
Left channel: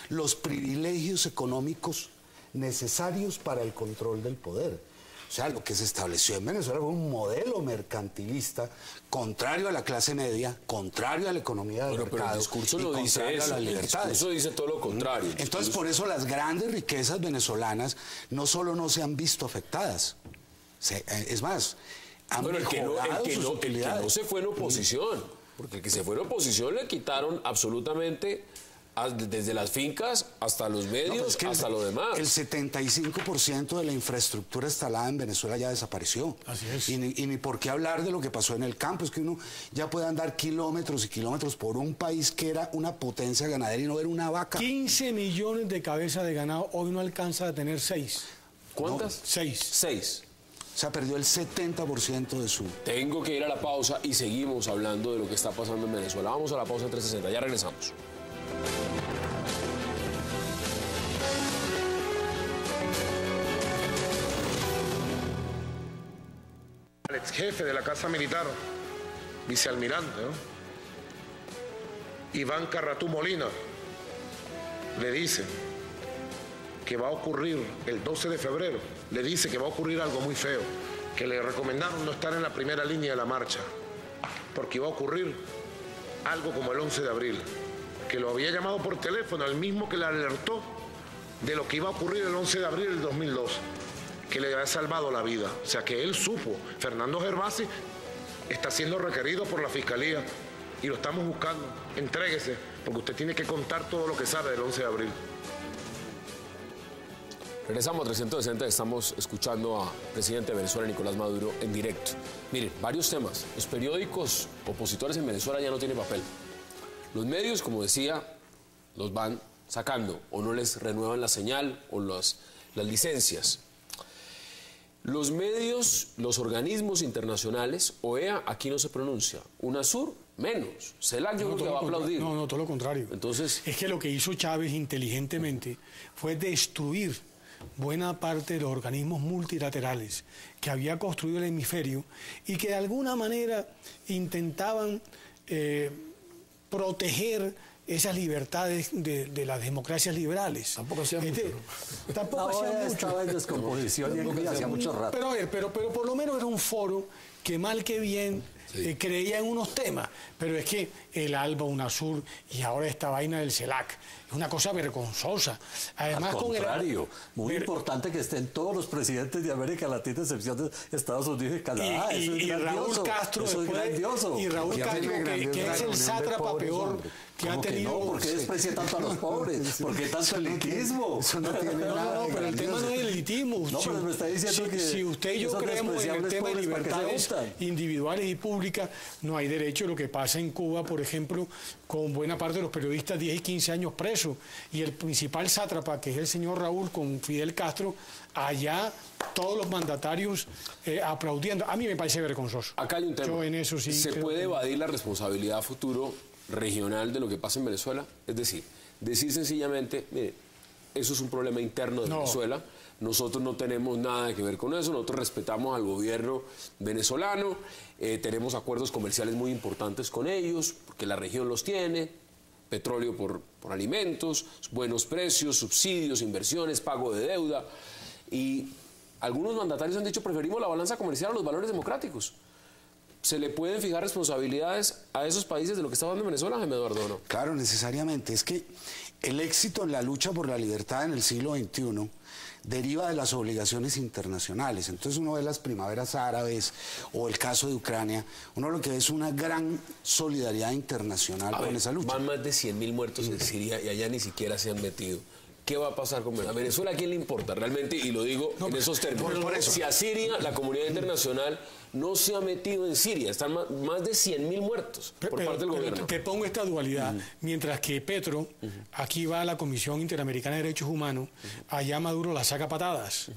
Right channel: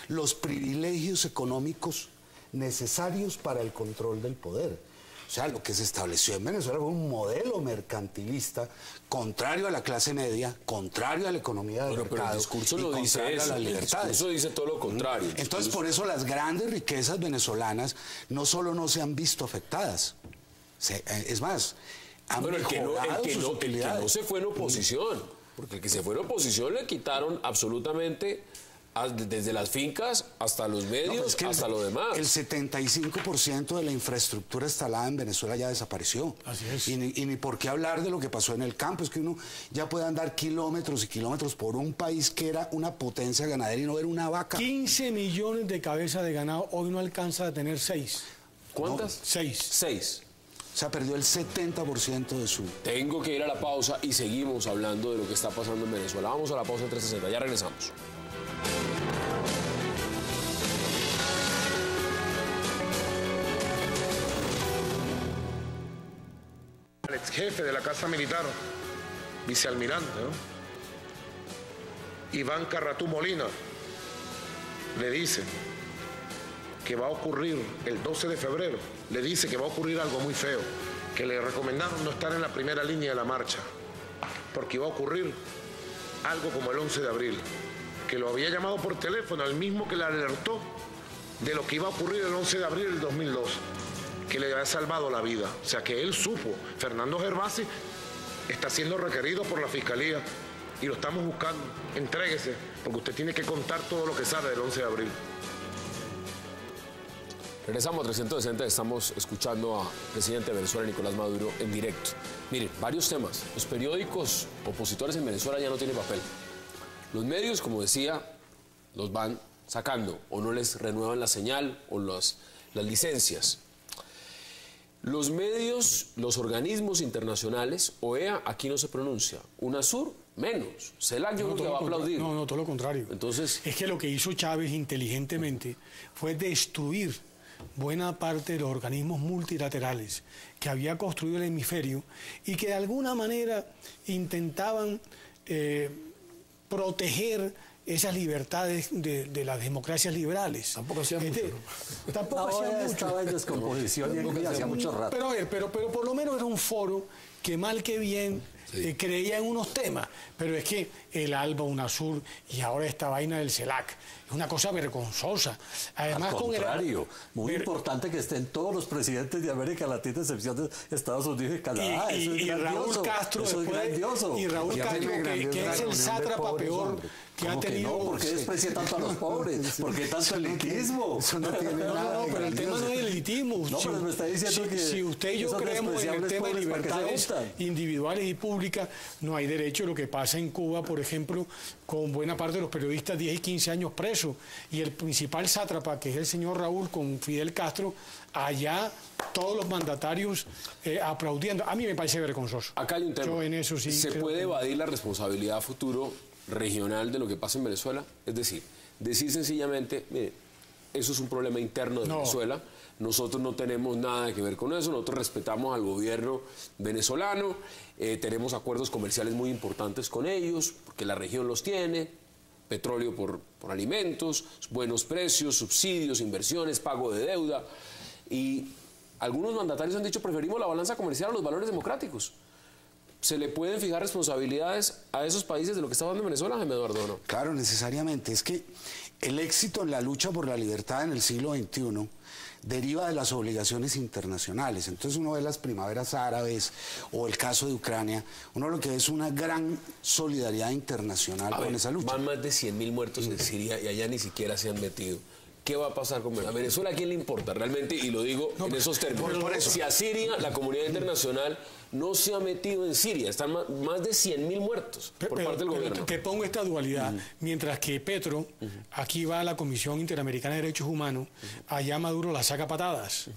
los privilegios económicos necesarios para el control del poder. O sea, lo que se estableció en Venezuela fue un modelo mercantilista contrario a la clase media, contrario a la economía del mercado, pero el discurso lo dice eso, el discurso dice todo lo contrario. Entonces, por eso las grandes riquezas venezolanas no solo no se han visto afectadas, es más, bueno, el que no se fue en oposición, porque el que se fue en oposición le quitaron absolutamente desde las fincas hasta los medios, hasta lo demás. El 75% de la infraestructura instalada en Venezuela ya desapareció. Así es. Y ni por qué hablar de lo que pasó en el campo, es que uno ya puede andar kilómetros y kilómetros por un país que era una potencia ganadera y no era una vaca. 15 millones de cabezas de ganado, hoy no alcanza a tener 6. ¿Cuántas? 6. O sea, perdió el 70% de su... Tengo que ir a la pausa y seguimos hablando de lo que está pasando en Venezuela. Vamos a la pausa 360, ya regresamos. El ex jefe de la Casa Militar, vicealmirante, ¿no? Iván Carratú Molina, le dice que va a ocurrir el 12 de febrero, le dice que va a ocurrir algo muy feo, que le recomendaron no estar en la primera línea de la marcha, porque iba a ocurrir algo como el 11 de abril, que lo había llamado por teléfono, el mismo que le alertó de lo que iba a ocurrir el 11 de abril del 2002, que le había salvado la vida. O sea, que él supo. Fernando Gervasi está siendo requerido por la Fiscalía y lo estamos buscando. Entréguese, porque usted tiene que contar todo lo que sabe del 11 de abril. Regresamos a 360, estamos escuchando al presidente de Venezuela, Nicolás Maduro, en directo. Miren, varios temas. Los periódicos opositores en Venezuela ya no tienen papel. Los medios, como decía, los van sacando, o no les renuevan la señal o las licencias. Los medios, los organismos internacionales, OEA, aquí no se pronuncia. UNASUR, menos. CELAC yo creo que va a aplaudir. No, todo lo contrario. Entonces, es que lo que hizo Chávez inteligentemente fue destruir buena parte de los organismos multilaterales que había construido el hemisferio y que de alguna manera intentaban proteger esas libertades de las democracias liberales. Tampoco sea mucho, ¿no? Tampoco hacía mucho. Estaba en descomposición y hacía mucho rato. Pero por lo menos era un foro que mal que bien creía en unos temas, pero es que el ALBA, UNASUR y ahora esta vaina del CELAC es una cosa vergonzosa. Además, al contrario, muy importante que estén todos los presidentes de América Latina, a excepción de Estados Unidos y Canadá. Y Raúl Castro, y Raúl Castro, que es el sátrapa peor que ha tenido. No, porque desprecia tanto a los pobres, porque tanto elitismo. Pero el tema no es elitismo. No, pero me está diciendo que si usted y yo creemos en el tema de libertades individuales y públicas, no hay derecho. Lo que pasa en Cuba, por ejemplo, con buena parte de los periodistas 10 y 15 años presos, y el principal sátrapa, que es el señor Raúl, con Fidel Castro, allá todos los mandatarios aplaudiendo. A mí me parece vergonzoso. Acá hay un tema. Yo en eso sí ¿Se puede evadir la responsabilidad a futuro regional de lo que pasa en Venezuela? Es decir sencillamente, mire, eso es un problema interno de Venezuela, nosotros no tenemos nada que ver con eso, nosotros respetamos al gobierno venezolano, tenemos acuerdos comerciales muy importantes con ellos, porque la región los tiene, petróleo por alimentos, buenos precios, subsidios, inversiones, pago de deuda, y algunos mandatarios han dicho preferimos la balanza comercial a los valores democráticos. ¿Se le pueden fijar responsabilidades a esos países de lo que está pasando en Venezuela, Jaime Eduardo, no? Claro, necesariamente. Es que el éxito en la lucha por la libertad en el siglo XXI deriva de las obligaciones internacionales. Entonces uno ve las primaveras árabes o el caso de Ucrania, uno lo que ve es una gran solidaridad internacional con esa lucha. Van más de 100.000 muertos en Siria y allá ni siquiera se han metido. ¿Qué va a pasar con Venezuela? ¿A Venezuela a quién le importa realmente? Y lo digo en esos términos. Por eso. Si a Siria la comunidad internacional no se ha metido en Siria, están más de 100.000 muertos por parte del gobierno. Te pongo esta dualidad. Mientras que Petro, aquí va a la Comisión Interamericana de Derechos Humanos, allá Maduro la saca patadas.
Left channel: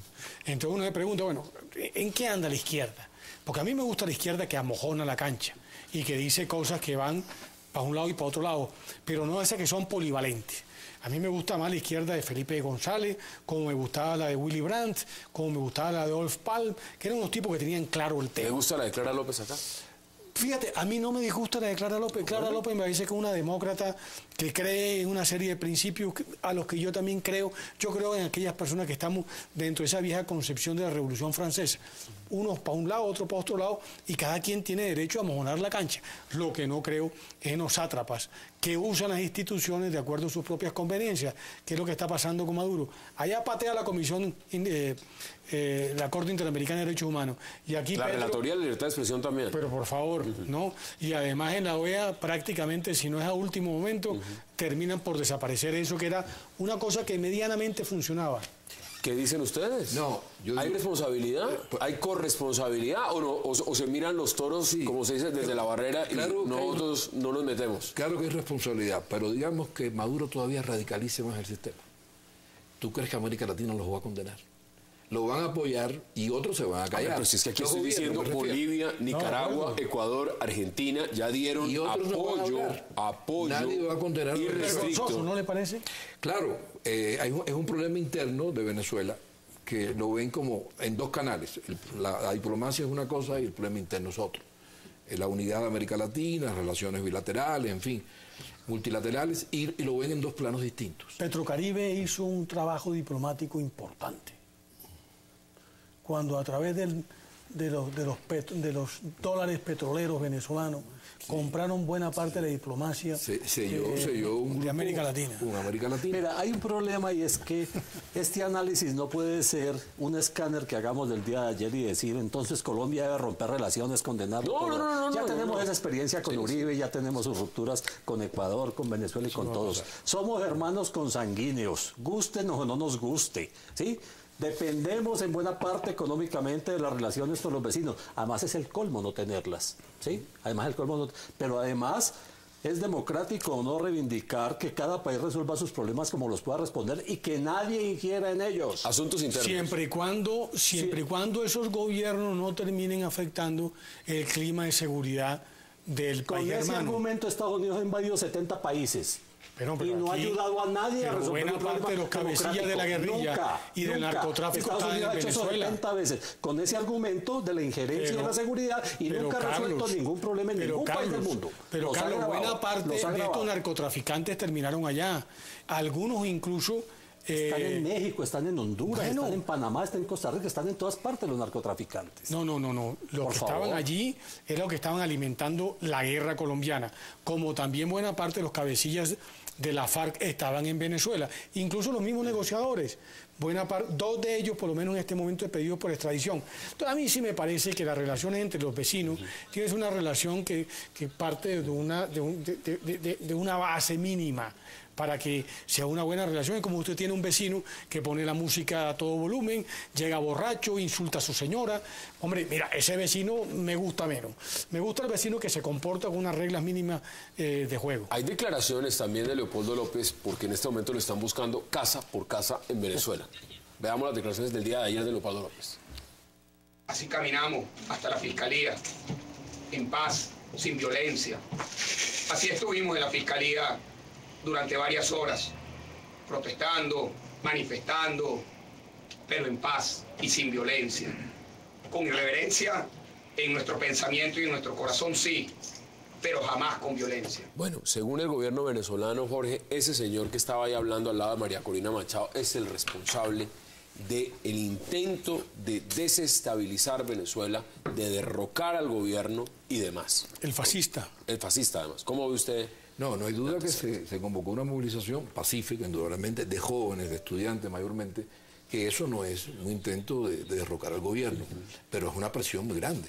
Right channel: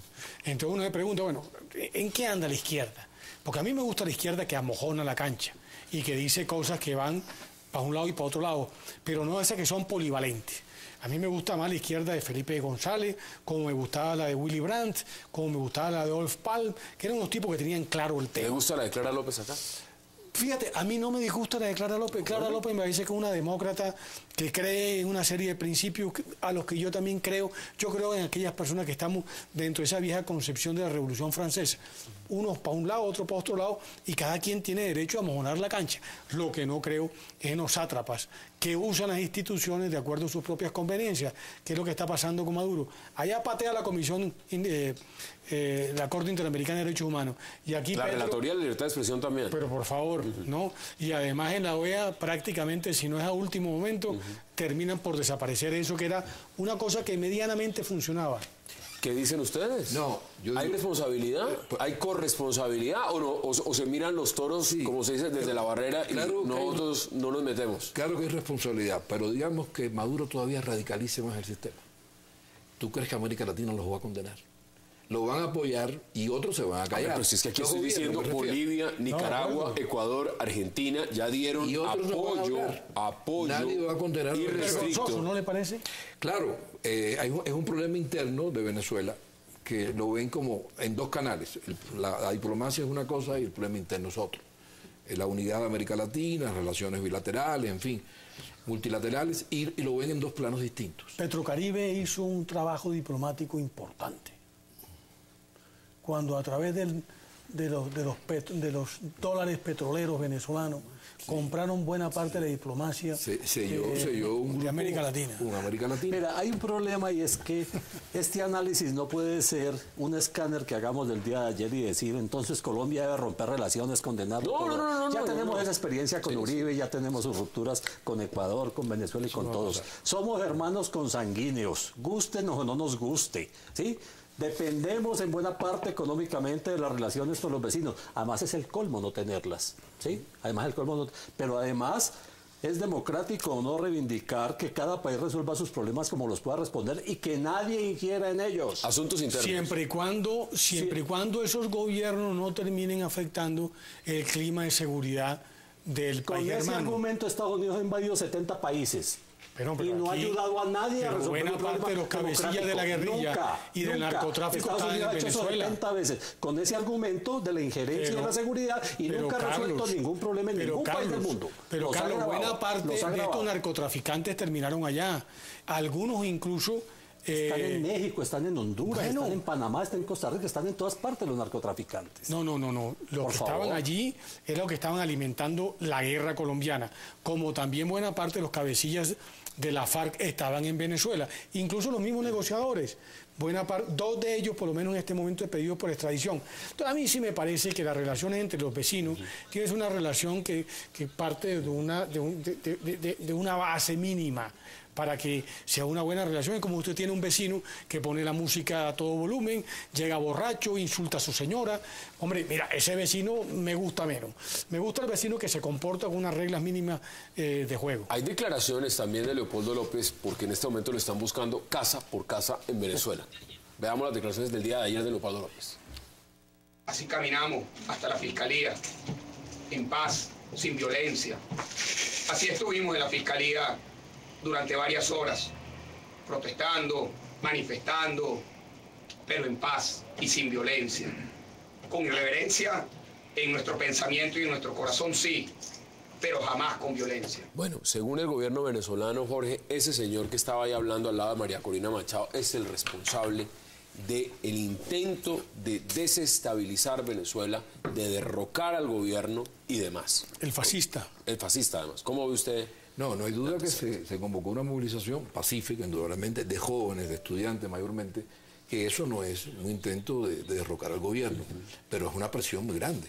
Entonces uno se pregunta, bueno, ¿en qué anda la izquierda? Porque a mí me gusta la izquierda que amojona la cancha y que dice cosas que van para un lado y para otro lado, pero no esas que son polivalentes. A mí me gusta más la izquierda de Felipe González, como me gustaba la de Willy Brandt, como me gustaba la de Adolf Palm, que eran unos tipos que tenían claro el tema. ¿Te gusta la de Clara López acá? Fíjate, a mí no me disgusta la de Clara López. Clara López me parece que es una demócrata que cree en una serie de principios a los que yo también creo. Yo creo en aquellas personas que estamos dentro de esa vieja concepción de la Revolución Francesa. Unos para un lado, otros para otro lado, y cada quien tiene derecho a mojonar la cancha. Lo que no creo es en los sátrapas que usan las instituciones de acuerdo a sus propias conveniencias, que es lo que está pasando con Maduro. Allá patea la Comisión, la Corte Interamericana de Derechos Humanos. Y aquí la Relatoría de Libertad de Expresión también. Pero por favor, ¿no? Y además en la OEA prácticamente, si no es a último momento, terminan por desaparecer eso, que era una cosa que medianamente funcionaba. ¿Qué dicen ustedes? No, ¿Hay responsabilidad? ¿Hay corresponsabilidad? ¿O se miran los toros, como se dice, desde la barrera y nosotros no nos metemos? Claro que hay responsabilidad, pero digamos que Maduro todavía radicalice más el sistema. ¿Tú crees que América Latina los va a condenar? Lo van a apoyar y otros se van a callar. Pero si es que aquí estoy diciendo Bolivia, Nicaragua, Ecuador, Argentina ya dieron apoyo Nadie va a condenar irrestricto. ¿No le parece? Claro, es un problema interno de Venezuela que lo ven como en dos canales. La diplomacia es una cosa y el problema interno es otro. La unidad de América Latina, relaciones bilaterales, en fin, multilaterales, y lo ven en dos planos distintos. Petrocaribe hizo un trabajo diplomático importante. Cuando a través de los dólares petroleros venezolanos compraron buena parte de la diplomacia de América Latina. Mira, hay un problema y es que este análisis no puede ser un escáner que hagamos del día de ayer y decir entonces Colombia debe romper relaciones, condenarlo. Ya tenemos esa experiencia con Uribe, ya tenemos sus rupturas con Ecuador, con Venezuela y con todos. Somos hermanos consanguíneos, gusten o no nos guste, ¿sí? Dependemos en buena parte económicamente de las relaciones con los vecinos. Además es el colmo no tenerlas, ¿sí? Pero además es democrático o no reivindicar que cada país resuelva sus problemas como los pueda responder y que nadie ingiera en ellos. Asuntos internos. Siempre y cuando esos gobiernos no terminen afectando el clima de seguridad del país hermano. En ese momento Estados Unidos ha invadido 70 países. Pero y no ha aquí, ayudado a nadie a pero resolver buena el parte problema de los cabecillas de la democrático. guerrilla y del narcotráfico Estados están en Unidos ha hecho eso Venezuela. 70 veces con ese argumento de la injerencia Pero- de la seguridad y pero nunca ha resuelto Carlos, ningún problema en pero ningún país del Carlos, mundo. Pero Los ha Carlos, agravado, buena parte los ha de estos agravado. narcotraficantes terminaron allá. Algunos incluso... Están en México, están en Honduras, bueno. están en Panamá, están en Costa Rica, están en todas partes los narcotraficantes. No. Los Por que favor. estaban allí eran los que estaban alimentando la guerra colombiana, como también buena parte de los cabecillas de la FARC estaban en Venezuela, incluso los mismos negociadores. Dos de ellos, por lo menos en este momento, he pedido por extradición. Entonces, a mí sí me parece que las relaciones entre los vecinos tienes una relación que parte de una base mínima para que sea una buena relación. Es como usted tiene un vecino que pone la música a todo volumen, llega borracho, insulta a su señora. Hombre, mira, ese vecino me gusta menos. Me gusta el vecino que se comporta con unas reglas mínimas de juego. Hay declaraciones también de Leopoldo López, porque en este momento lo están buscando casa por casa en Venezuela. Veamos las declaraciones del día de ayer de Leopoldo López. Así caminamos hasta la fiscalía, en paz, sin violencia. Así estuvimos en la fiscalía durante varias horas, protestando, manifestando, pero en paz y sin violencia. Con irreverencia en nuestro pensamiento y en nuestro corazón, sí, pero jamás con violencia. Bueno, según el gobierno venezolano, Jorge, ese señor que estaba ahí hablando al lado de María Corina Machado es el responsable del intento de desestabilizar Venezuela, de derrocar al gobierno y demás. El fascista. El fascista, además. ¿Cómo ve usted? No hay duda que se convocó una movilización pacífica, indudablemente, de jóvenes, de estudiantes mayormente, que eso no es un intento de derrocar al gobierno, pero es una presión muy grande.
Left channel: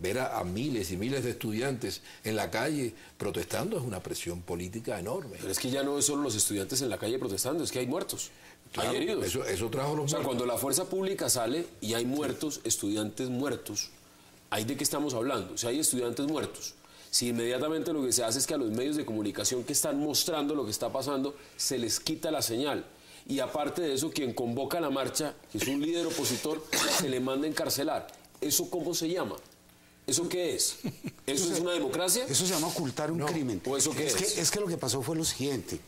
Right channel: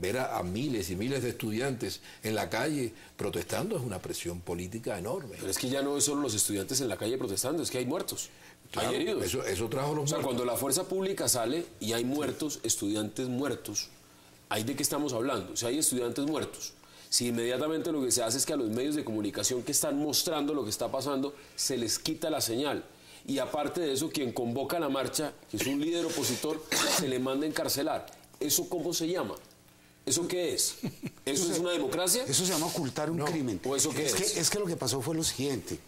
Ver a miles y miles de estudiantes en la calle protestando es una presión política enorme. Pero es que ya no es solo los estudiantes en la calle protestando, es que hay muertos. Claro, hay heridos. eso trajo los O sea, muertos. cuando la fuerza pública sale y hay muertos, estudiantes muertos, ¿ahí de qué estamos hablando? O sea, hay estudiantes muertos. Si inmediatamente lo que se hace es que a los medios de comunicación que están mostrando lo que está pasando, se les quita la señal. Y aparte de eso, quien convoca la marcha, que es un líder opositor, se le manda a encarcelar. ¿Eso cómo se llama? ¿Eso qué es? ¿Eso es una democracia? Eso se llama ocultar un crimen. ¿O eso qué es? Es que lo que pasó fue lo siguiente.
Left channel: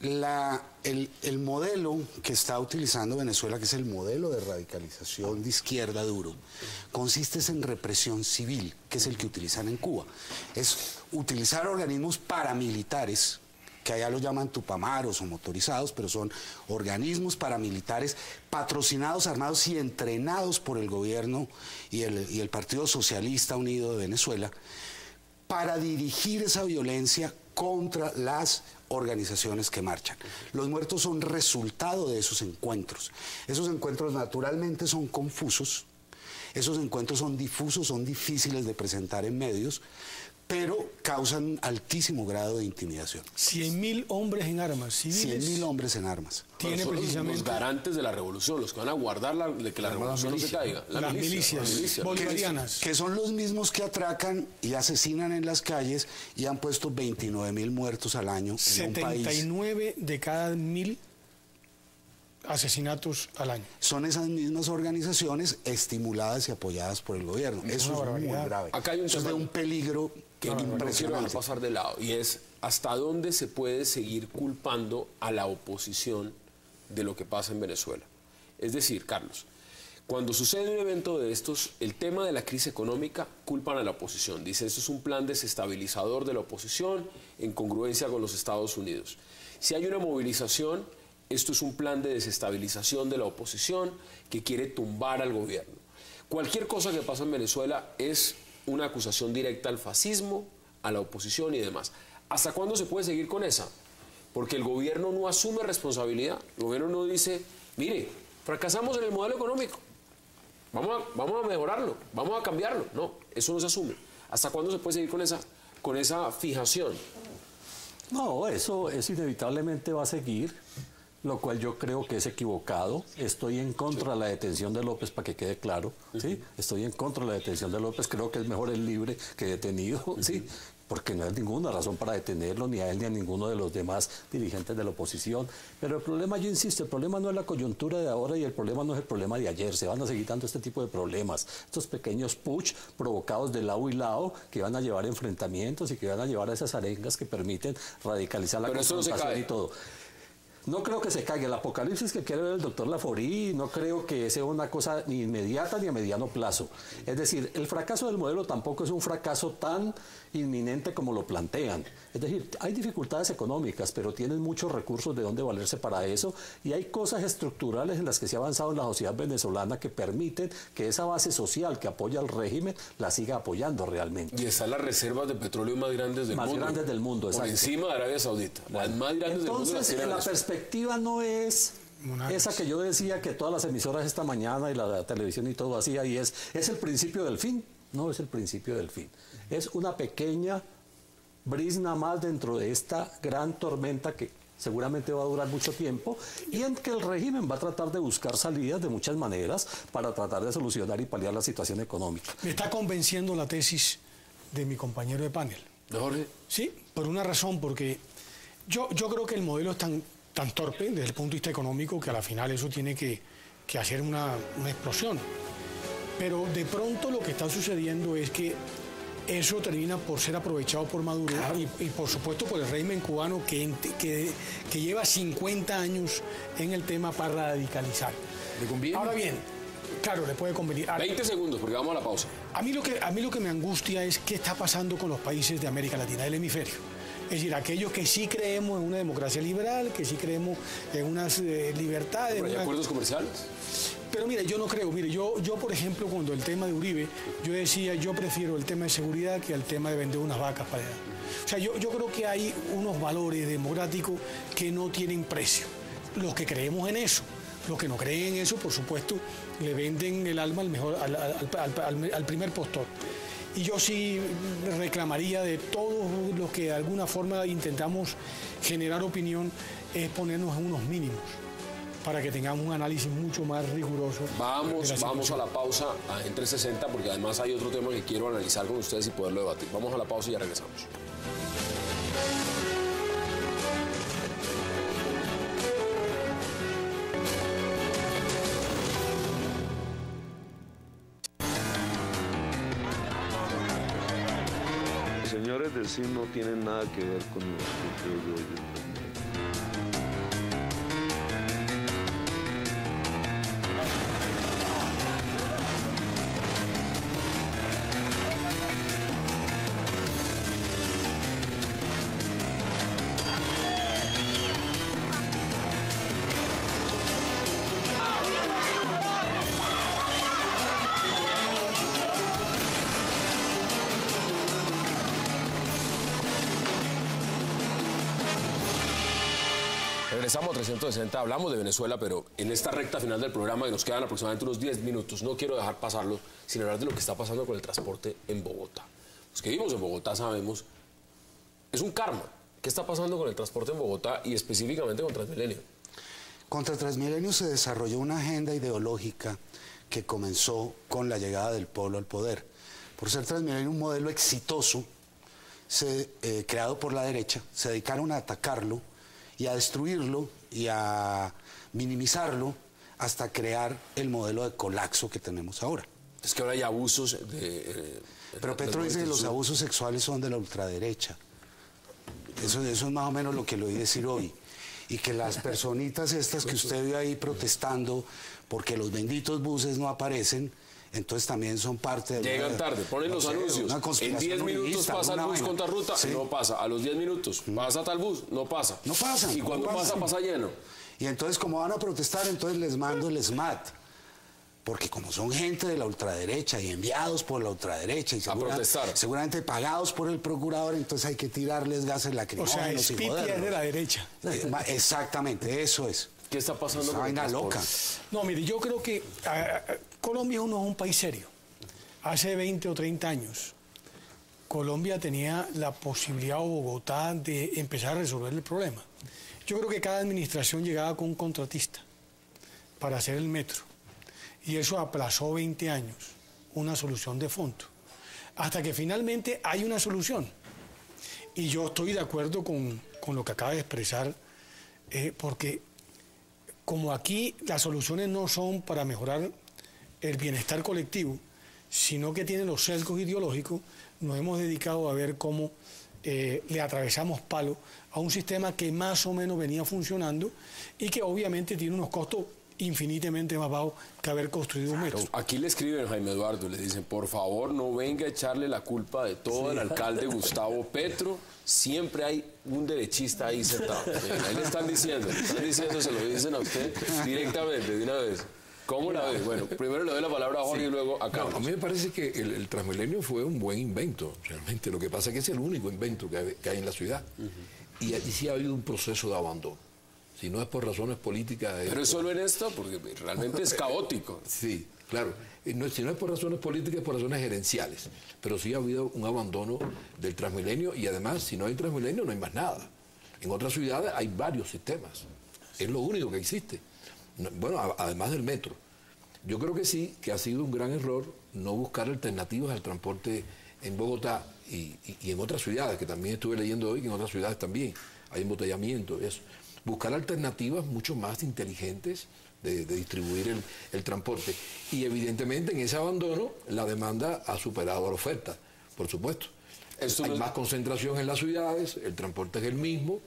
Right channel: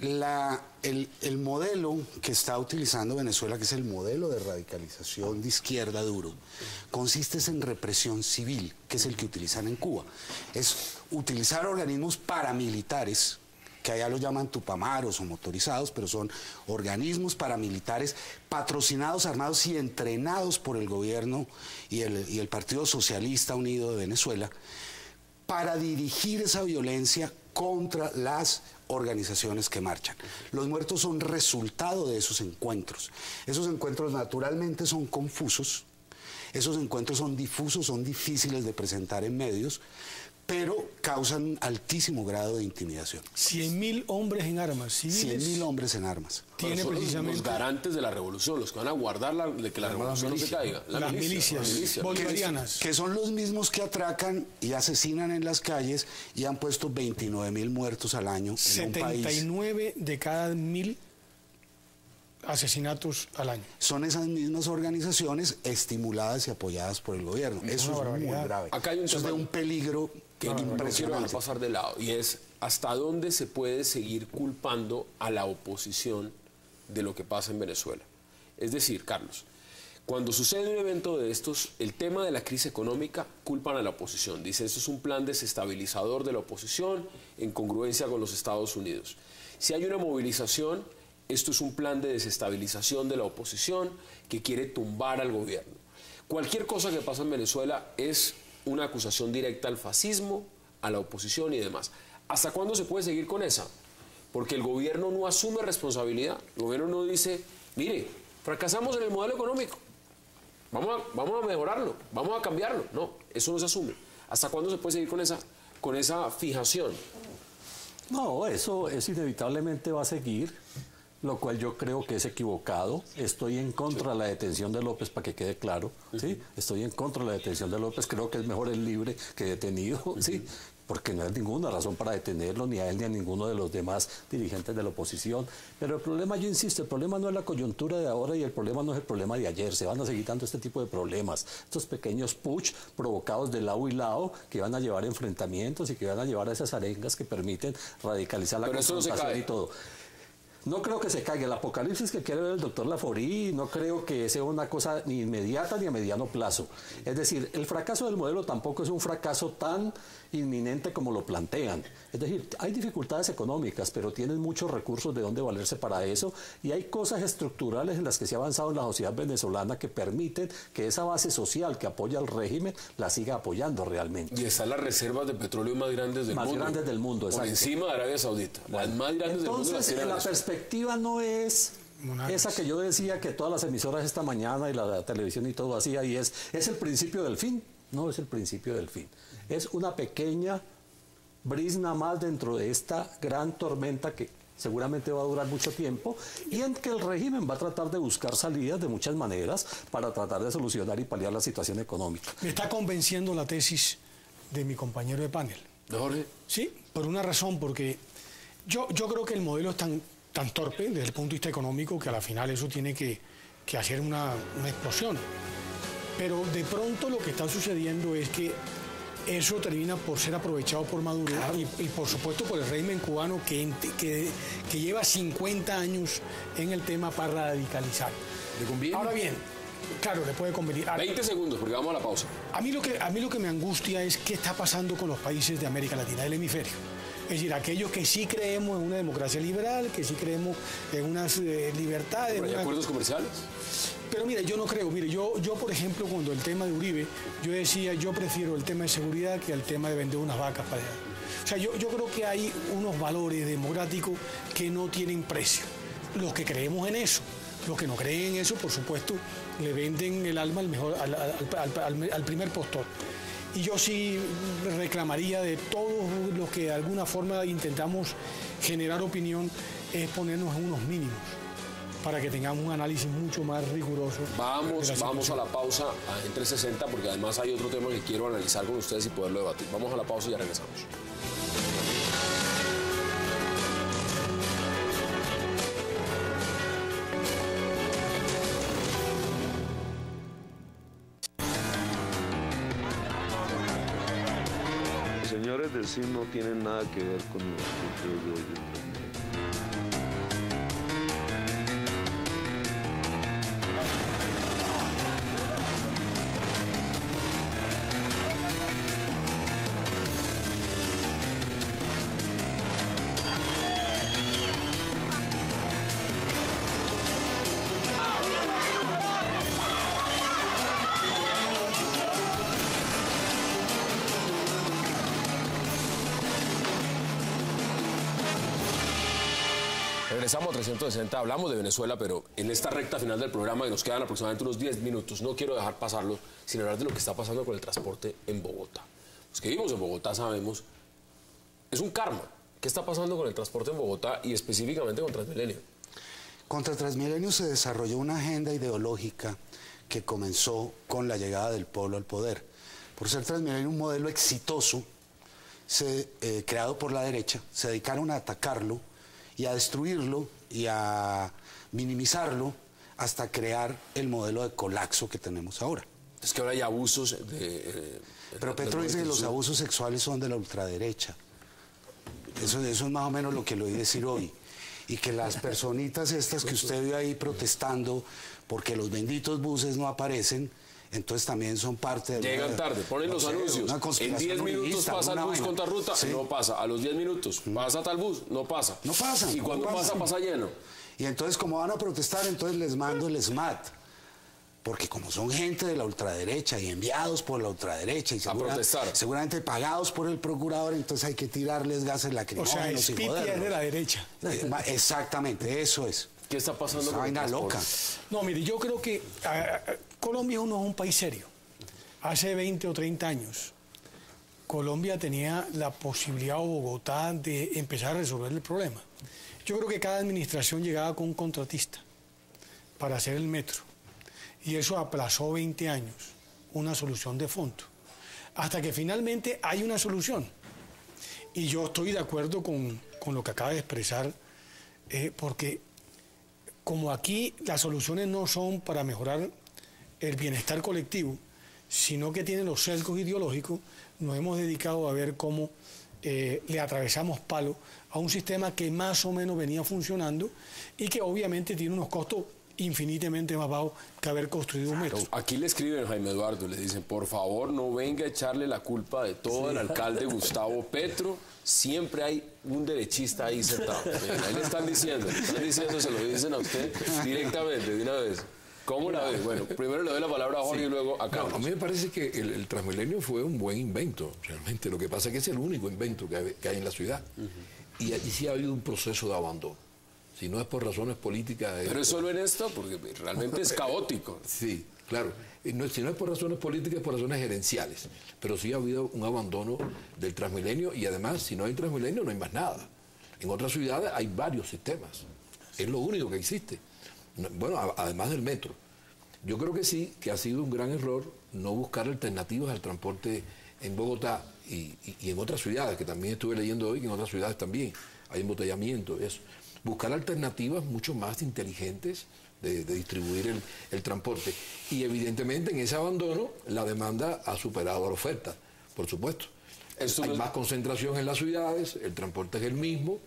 El modelo que está utilizando Venezuela, que es el modelo de radicalización de izquierda duro, consiste en represión civil, que es el que utilizan en Cuba. Es utilizar organismos paramilitares, que allá los llaman tupamaros o motorizados, pero son organismos paramilitares patrocinados, armados y entrenados por el gobierno y el Partido Socialista Unido de Venezuela, para dirigir esa violencia contra las organizaciones que marchan. Los muertos son resultado de esos encuentros. Esos encuentros naturalmente son confusos, esos encuentros son difusos, son difíciles de presentar en medios, pero causan altísimo grado de intimidación. 100.000 hombres en armas civiles. 100.000 hombres en armas. Tiene Son precisamente los garantes de la revolución, los que van a guardar de que la revolución no se caiga. las milicias bolivarianas. Que son los mismos que atracan y asesinan en las calles y han puesto 29.000 muertos al año en un país. 79 de cada 1.000 asesinatos al año. Son esas mismas organizaciones estimuladas y apoyadas por el gobierno. Eso es muy grave. Acá hay un Eso es de tema un peligro que no quiero impresionante. pasar de lado, y es hasta dónde se puede seguir culpando a la oposición de lo que pasa en Venezuela. Es decir, Carlos, cuando sucede un evento de estos, el tema de la crisis económica, culpan a la oposición. Dicen, esto es un plan desestabilizador de la oposición en congruencia con los Estados Unidos. Si hay una movilización, esto es un plan de desestabilización de la oposición que quiere tumbar al gobierno. Cualquier cosa que pasa en Venezuela es una acusación directa al fascismo, a la oposición y demás. ¿Hasta cuándo se puede seguir con esa? Porque el gobierno no asume responsabilidad. El gobierno no dice, mire, fracasamos en el modelo económico, vamos a mejorarlo, vamos a cambiarlo. No, eso no se asume. ¿Hasta cuándo se puede seguir con esa fijación? No, eso inevitablemente va a seguir, lo cual yo creo que es equivocado. Estoy en contra de la detención de López, para que quede claro, ¿sí? Estoy en contra de la detención de López, creo que es mejor el libre que detenido, ¿sí? porque no hay ninguna razón para detenerlo, ni a él ni a ninguno de los demás dirigentes de la oposición. Pero el problema, yo insisto, el problema no es la coyuntura de ahora y el problema no es el problema de ayer. Se van a seguir dando este tipo de problemas, estos pequeños putsch provocados de lado y lado que van a llevar enfrentamientos y que van a llevar a esas arengas que permiten radicalizar la confrontación y todo. No creo que se caiga. El apocalipsis que quiere el doctor Laforí no creo que sea una cosa ni inmediata ni a mediano plazo. Es decir, el fracaso del modelo tampoco es un fracaso tan inminente como lo plantean. Es decir, hay dificultades económicas, pero tienen muchos recursos de dónde valerse para eso, y hay cosas estructurales en las que se ha avanzado en la sociedad venezolana que permiten que esa base social que apoya al régimen la siga apoyando realmente. Y están las reservas de petróleo más grandes del mundo. Más grandes del mundo, por encima de Arabia Saudita. Las más grandes del mundo. Entonces, la perspectiva no es esa que yo decía que todas las emisoras esta mañana y la televisión y todo hacía, y es el principio del fin. No es el principio del fin. Es una pequeña brisna más dentro de esta gran tormenta que seguramente va a durar mucho tiempo, y en que el régimen va a tratar de buscar salidas de muchas maneras para tratar de solucionar y paliar la situación económica. Me está convenciendo la tesis de mi compañero de panel. ¿Ahora? Sí, por una razón, porque yo creo que el modelo es tan torpe desde el punto de vista económico que a la final eso tiene que hacer una explosión. Pero de pronto lo que está sucediendo es que eso termina por ser aprovechado por Maduro, claro, y por supuesto por el régimen cubano que lleva 50 años en el tema para radicalizar. ¿Le conviene? Ahora bien, claro, le puede convenir. 20 segundos, porque vamos a la pausa. A mí lo que me angustia es qué está pasando con los países de América Latina, del hemisferio. Es decir, aquellos que sí creemos en una democracia liberal, que sí creemos en unas libertades. ¿Pero hay acuerdos comerciales? Pero mira, yo no creo. Mire, yo por ejemplo, cuando el tema de Uribe, yo decía, yo prefiero el tema de seguridad que el tema de vender unas vacas para allá. O sea, yo creo que hay unos valores democráticos que no tienen precio. Los que creemos en eso, los que no creen en eso, por supuesto, le venden el alma al primer postor. Y yo sí reclamaría de todos los que de alguna forma intentamos generar opinión, es ponernos en unos mínimos para que tengamos un análisis mucho más riguroso. Vamos a la pausa en 360, porque además hay otro tema que quiero analizar con ustedes y poderlo debatir. Vamos a la pausa y ya regresamos. Los señores del CIN no tienen nada que ver con lo Regresamos a 360, hablamos de Venezuela, pero en esta recta final del programa, que nos quedan aproximadamente unos 10 minutos, no quiero dejar pasarlo sin hablar de lo que está pasando con el transporte en Bogotá. Los que vivimos en Bogotá sabemos, es un karma. ¿Qué está pasando con el transporte en Bogotá y específicamente con Transmilenio? Contra Transmilenio se desarrolló una agenda ideológica que comenzó con la llegada del pueblo al poder. Por ser Transmilenio un modelo exitoso, creado por la derecha, se dedicaron a atacarlo y a destruirlo y a minimizarlo hasta crear el modelo de colapso que tenemos ahora. Es que ahora hay abusos pero Petro dice que los abusos sexuales son de la ultraderecha. Eso es más o menos lo que le oí decir hoy. Y que las personitas estas que usted ve ahí protestando porque los benditos buses no aparecen, entonces también son parte de... Llegan tarde, ponen los anuncios. En 10 minutos pasa el bus con tal ruta, sí, no pasa. A los 10 minutos pasa tal bus, no pasa. No pasa. Y cuando pasa lleno. Y entonces, como van a protestar, entonces les mando el SMAT. Porque como son gente de la ultraderecha y enviados por la ultraderecha y seguramente pagados por el procurador, entonces hay que tirarles gases lacrimógenos. O sea, el Spiti es de la derecha. Exactamente, eso es. ¿Qué está pasando? Es vaina loca. No, mire, yo creo que Colombia no es un país serio. Hace 20 o 30 años, Colombia tenía la posibilidad, o Bogotá, de empezar a resolver el problema. Yo creo que cada administración llegaba con un contratista para hacer el metro. Y eso aplazó 20 años, una solución de fondo. Hasta que finalmente hay una solución. Y yo estoy de acuerdo con lo que acaba de expresar, porque como aquí las soluciones no son para mejorar el bienestar colectivo, sino que tienen los sesgos ideológicos, nos hemos dedicado a ver cómo le atravesamos palo a un sistema que más o menos venía funcionando y que obviamente tiene unos costos infinitamente más bajos que haber construido un metro. Aquí le escriben a Jaime Eduardo, le dicen, por favor no venga a echarle la culpa de todo al alcalde Gustavo Petro, siempre hay un derechista ahí sentado. Ahí le están diciendo, se lo dicen a usted directamente, de una vez. ¿Cómo la ves? Bueno, primero le doy la palabra a Jorge y luego a Carlos. A mí me parece que el Transmilenio fue un buen invento, realmente. Lo que pasa es que es el único invento que hay en la ciudad. Y aquí sí ha habido un proceso de abandono. Si no es por razones políticas... Pero es solo en esto, porque realmente es caótico. Sí, claro. Si no es por razones políticas, es por razones gerenciales. Pero sí ha habido un abandono del Transmilenio y además, si no hay Transmilenio, no hay más nada. En otras ciudades hay varios sistemas. Es lo único que existe. Bueno, además del metro. Yo creo que sí, que ha sido un gran error no buscar alternativas al transporte en Bogotá y en otras ciudades, que también estuve leyendo hoy, que en otras ciudades también hay embotellamiento, eso. Buscar alternativas mucho más inteligentes de distribuir el transporte. Y evidentemente en ese abandono la demanda ha superado la oferta, por supuesto. Hay más concentración en las ciudades, el transporte es el mismo,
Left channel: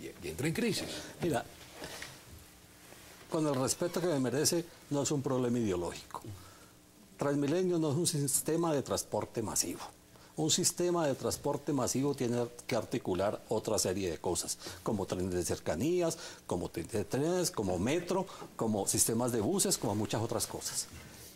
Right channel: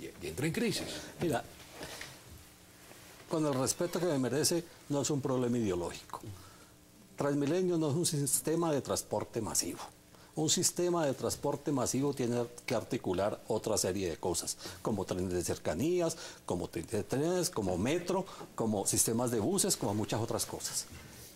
y entra en crisis. Mira, con el respeto que me merece, no es un problema ideológico. Transmilenio no es un sistema de transporte masivo. Un sistema de transporte masivo tiene que articular otra serie de cosas, como trenes de cercanías, como trenes, como metro, como sistemas de buses, como muchas otras cosas.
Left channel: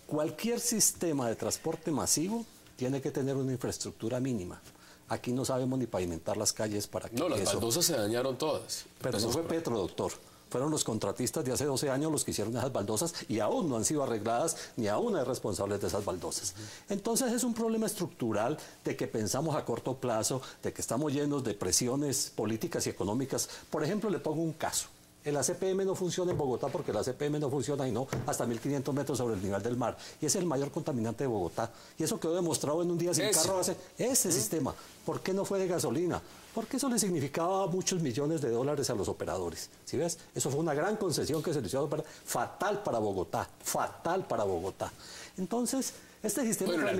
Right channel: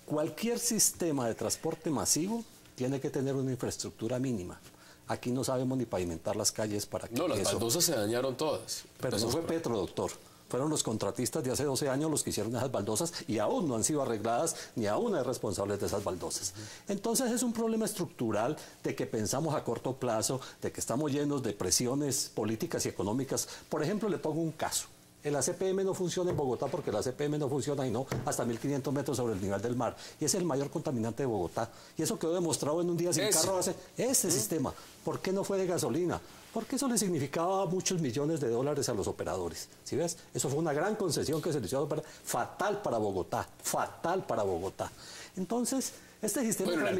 Cualquier sistema de transporte masivo tiene que tener una infraestructura mínima. Aquí no sabemos ni pavimentar las calles para que no, las baldosas se dañaron todas. Pero eso fue Petro, doctor. Fueron los contratistas de hace 12 años los que hicieron esas baldosas y aún no han sido arregladas, ni aún hay responsables de esas baldosas. Entonces es un problema estructural de que pensamos a corto plazo, de que estamos llenos de presiones políticas y económicas. Por ejemplo, le pongo un caso. El ACPM no funciona en Bogotá porque el ACPM no funciona y no hasta 1.500 metros sobre el nivel del mar. Y es el mayor contaminante de Bogotá. Y eso quedó demostrado en un día sin carro hace ese sistema. ¿Por qué no fue de gasolina? Porque eso le significaba muchos millones de dólares a los operadores. ¿Sí ves? Eso fue una gran concesión que se le hizo fatal para Bogotá. Fatal para Bogotá. Entonces, este sistema... Bueno, el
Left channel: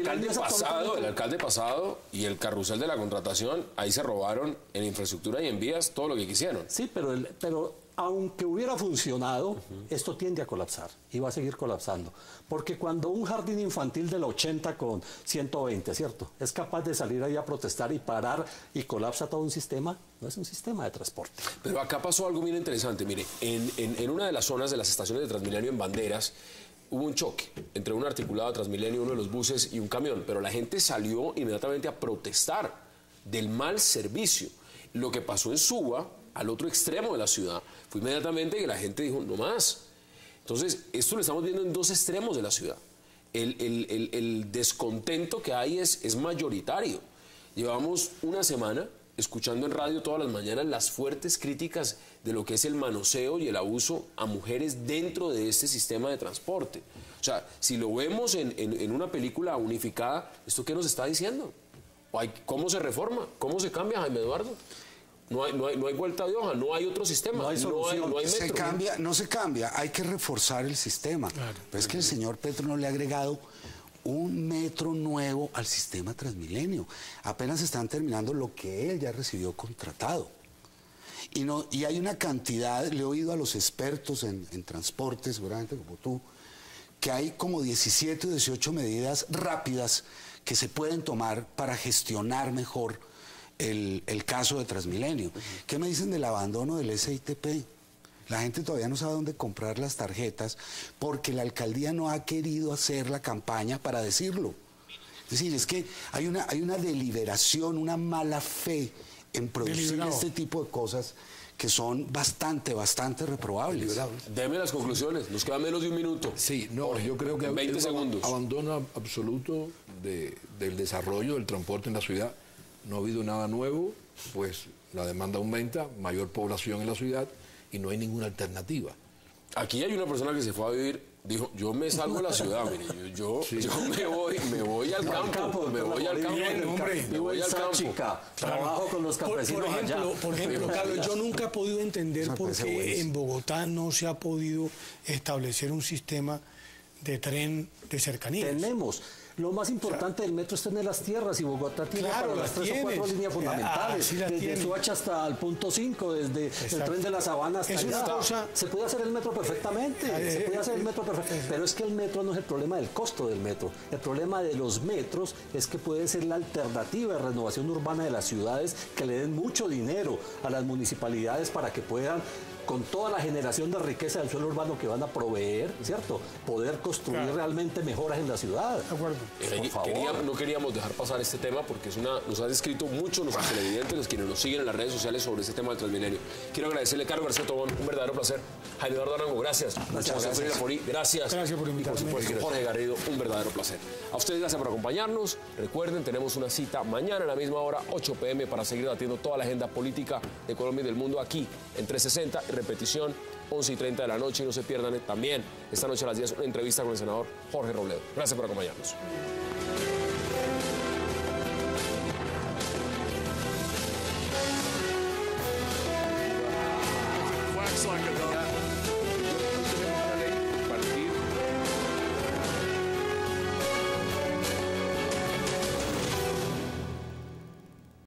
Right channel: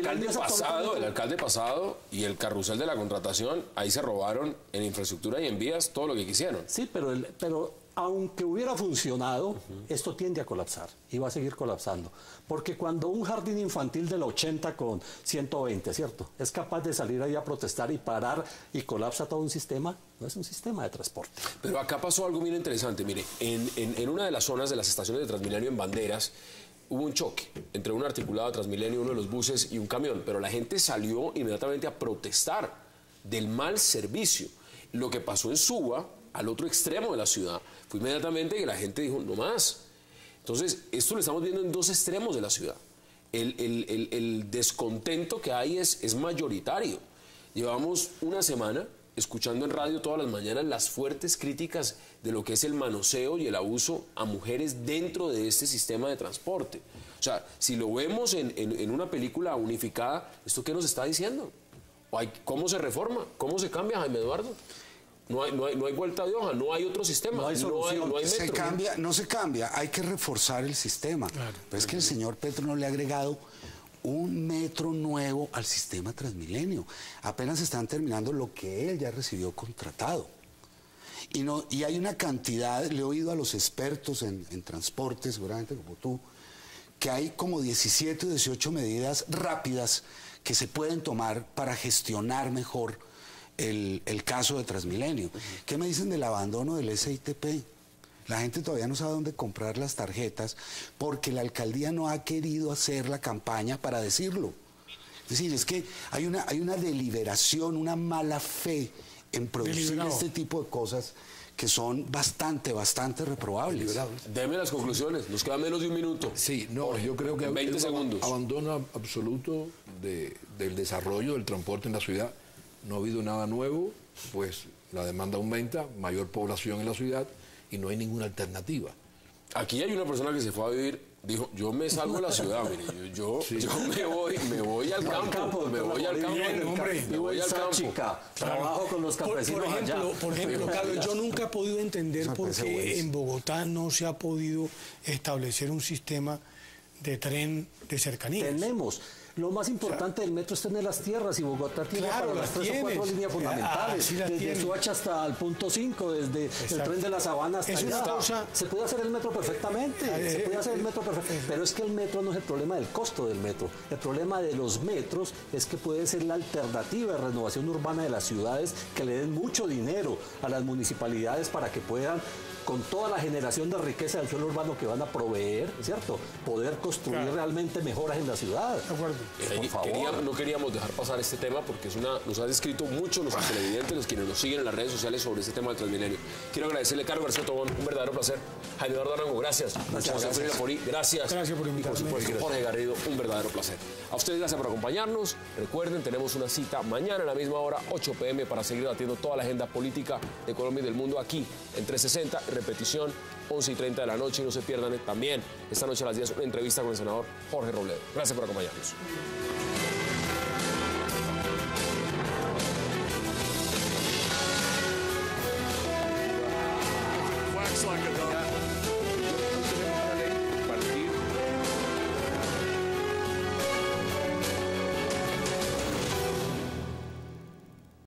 alcalde pasado y el carrusel de la contratación, ahí se robaron en infraestructura y en vías todo lo que quisieron. Sí, pero aunque hubiera funcionado, esto tiende a colapsar y va a seguir colapsando. Porque cuando un jardín infantil del 80 con 120, ¿cierto?, es capaz de salir ahí a protestar y parar y colapsa todo un sistema, no es un sistema de transporte. Pero acá pasó algo muy interesante. Mire, en una de las zonas de las estaciones de Transmilenio en Banderas, hubo un choque entre un articulado de Transmilenio, uno de los buses y un camión, pero la gente salió inmediatamente a protestar del mal servicio. Lo que pasó en Suba, al otro extremo de la ciudad, fue inmediatamente que la gente dijo, no más. Entonces, esto lo estamos viendo en dos extremos de la ciudad. El descontento que hay es mayoritario. Llevamos una semana escuchando en radio todas las mañanas las fuertes críticas de lo que es el manoseo y el abuso a mujeres dentro de este sistema de transporte. O sea, si lo vemos en una película unificada, ¿esto qué nos está diciendo? ¿Cómo se reforma? ¿Cómo se cambia, Jaime Eduardo? No hay vuelta de hoja, no hay otro sistema, no hay metro. No se cambia, hay que reforzar el sistema. Claro. Pero es que el señor Petro no le ha agregado un metro nuevo al sistema Transmilenio. Apenas están terminando lo que él ya recibió contratado. Y hay una cantidad, le he oído a los expertos en transporte, seguramente como tú, que hay como 17 o 18 medidas rápidas que se pueden tomar para gestionar mejor el caso de Transmilenio. ¿Qué me dicen del abandono del SITP? La gente todavía no sabe dónde comprar las tarjetas porque la alcaldía no ha querido hacer la campaña para decirlo. Es decir, es que hay una deliberación, una mala fe en producir este tipo de cosas que son bastante reprobables. Deme las conclusiones, nos queda menos de un minuto. Sí, no, yo creo que 20 segundos. Abandono absoluto del desarrollo del transporte en la ciudad. No ha habido nada nuevo, pues la demanda aumenta, mayor población en la ciudad y no hay ninguna alternativa. Aquí hay una persona que se fue a vivir Dijo, yo me salgo a la ciudad, mire, yo me voy al campo, me voy al campo. Trabajo con los campesinos. Por ejemplo, Carlos, yo nunca he podido entender por qué en Bogotá no se ha podido establecer un sistema de tren de cercanías. Tenemos. Lo más importante del metro es tener las tierras, y Bogotá tiene para las 3 o 4 líneas fundamentales. Desde Soacha hasta el punto 5, desde el tren de la Sabana hasta allá. Se puede hacer el metro perfectamente, pero es que el metro no es el problema del costo del metro. El problema de los metros es que puede ser la alternativa de renovación urbana de las ciudades, que le den mucho dinero a las municipalidades para que puedan, con toda la generación de riqueza del suelo urbano que van a proveer, ¿cierto?, poder construir realmente mejoras en la ciudad. De acuerdo. No queríamos dejar pasar este tema porque nos han escrito mucho los televidentes, los quienes nos siguen en las redes sociales sobre este tema del Transmilenio. Quiero agradecerle a Carlos García Tobón, un verdadero placer. Jaime Eduardo Arango, gracias. Gracias. Gracias por invitarme. Y por supuesto, Jorge Garrido, un verdadero placer. A ustedes gracias por acompañarnos. Recuerden, tenemos una cita mañana a la misma hora, 8 p.m, para seguir debatiendo toda la agenda política de Colombia y del mundo aquí en 360, en repetición, 11:30 de la noche. Y no se pierdan también esta noche a las 10 una entrevista con el senador Jorge Robledo. Gracias por acompañarnos. Wax like a dog.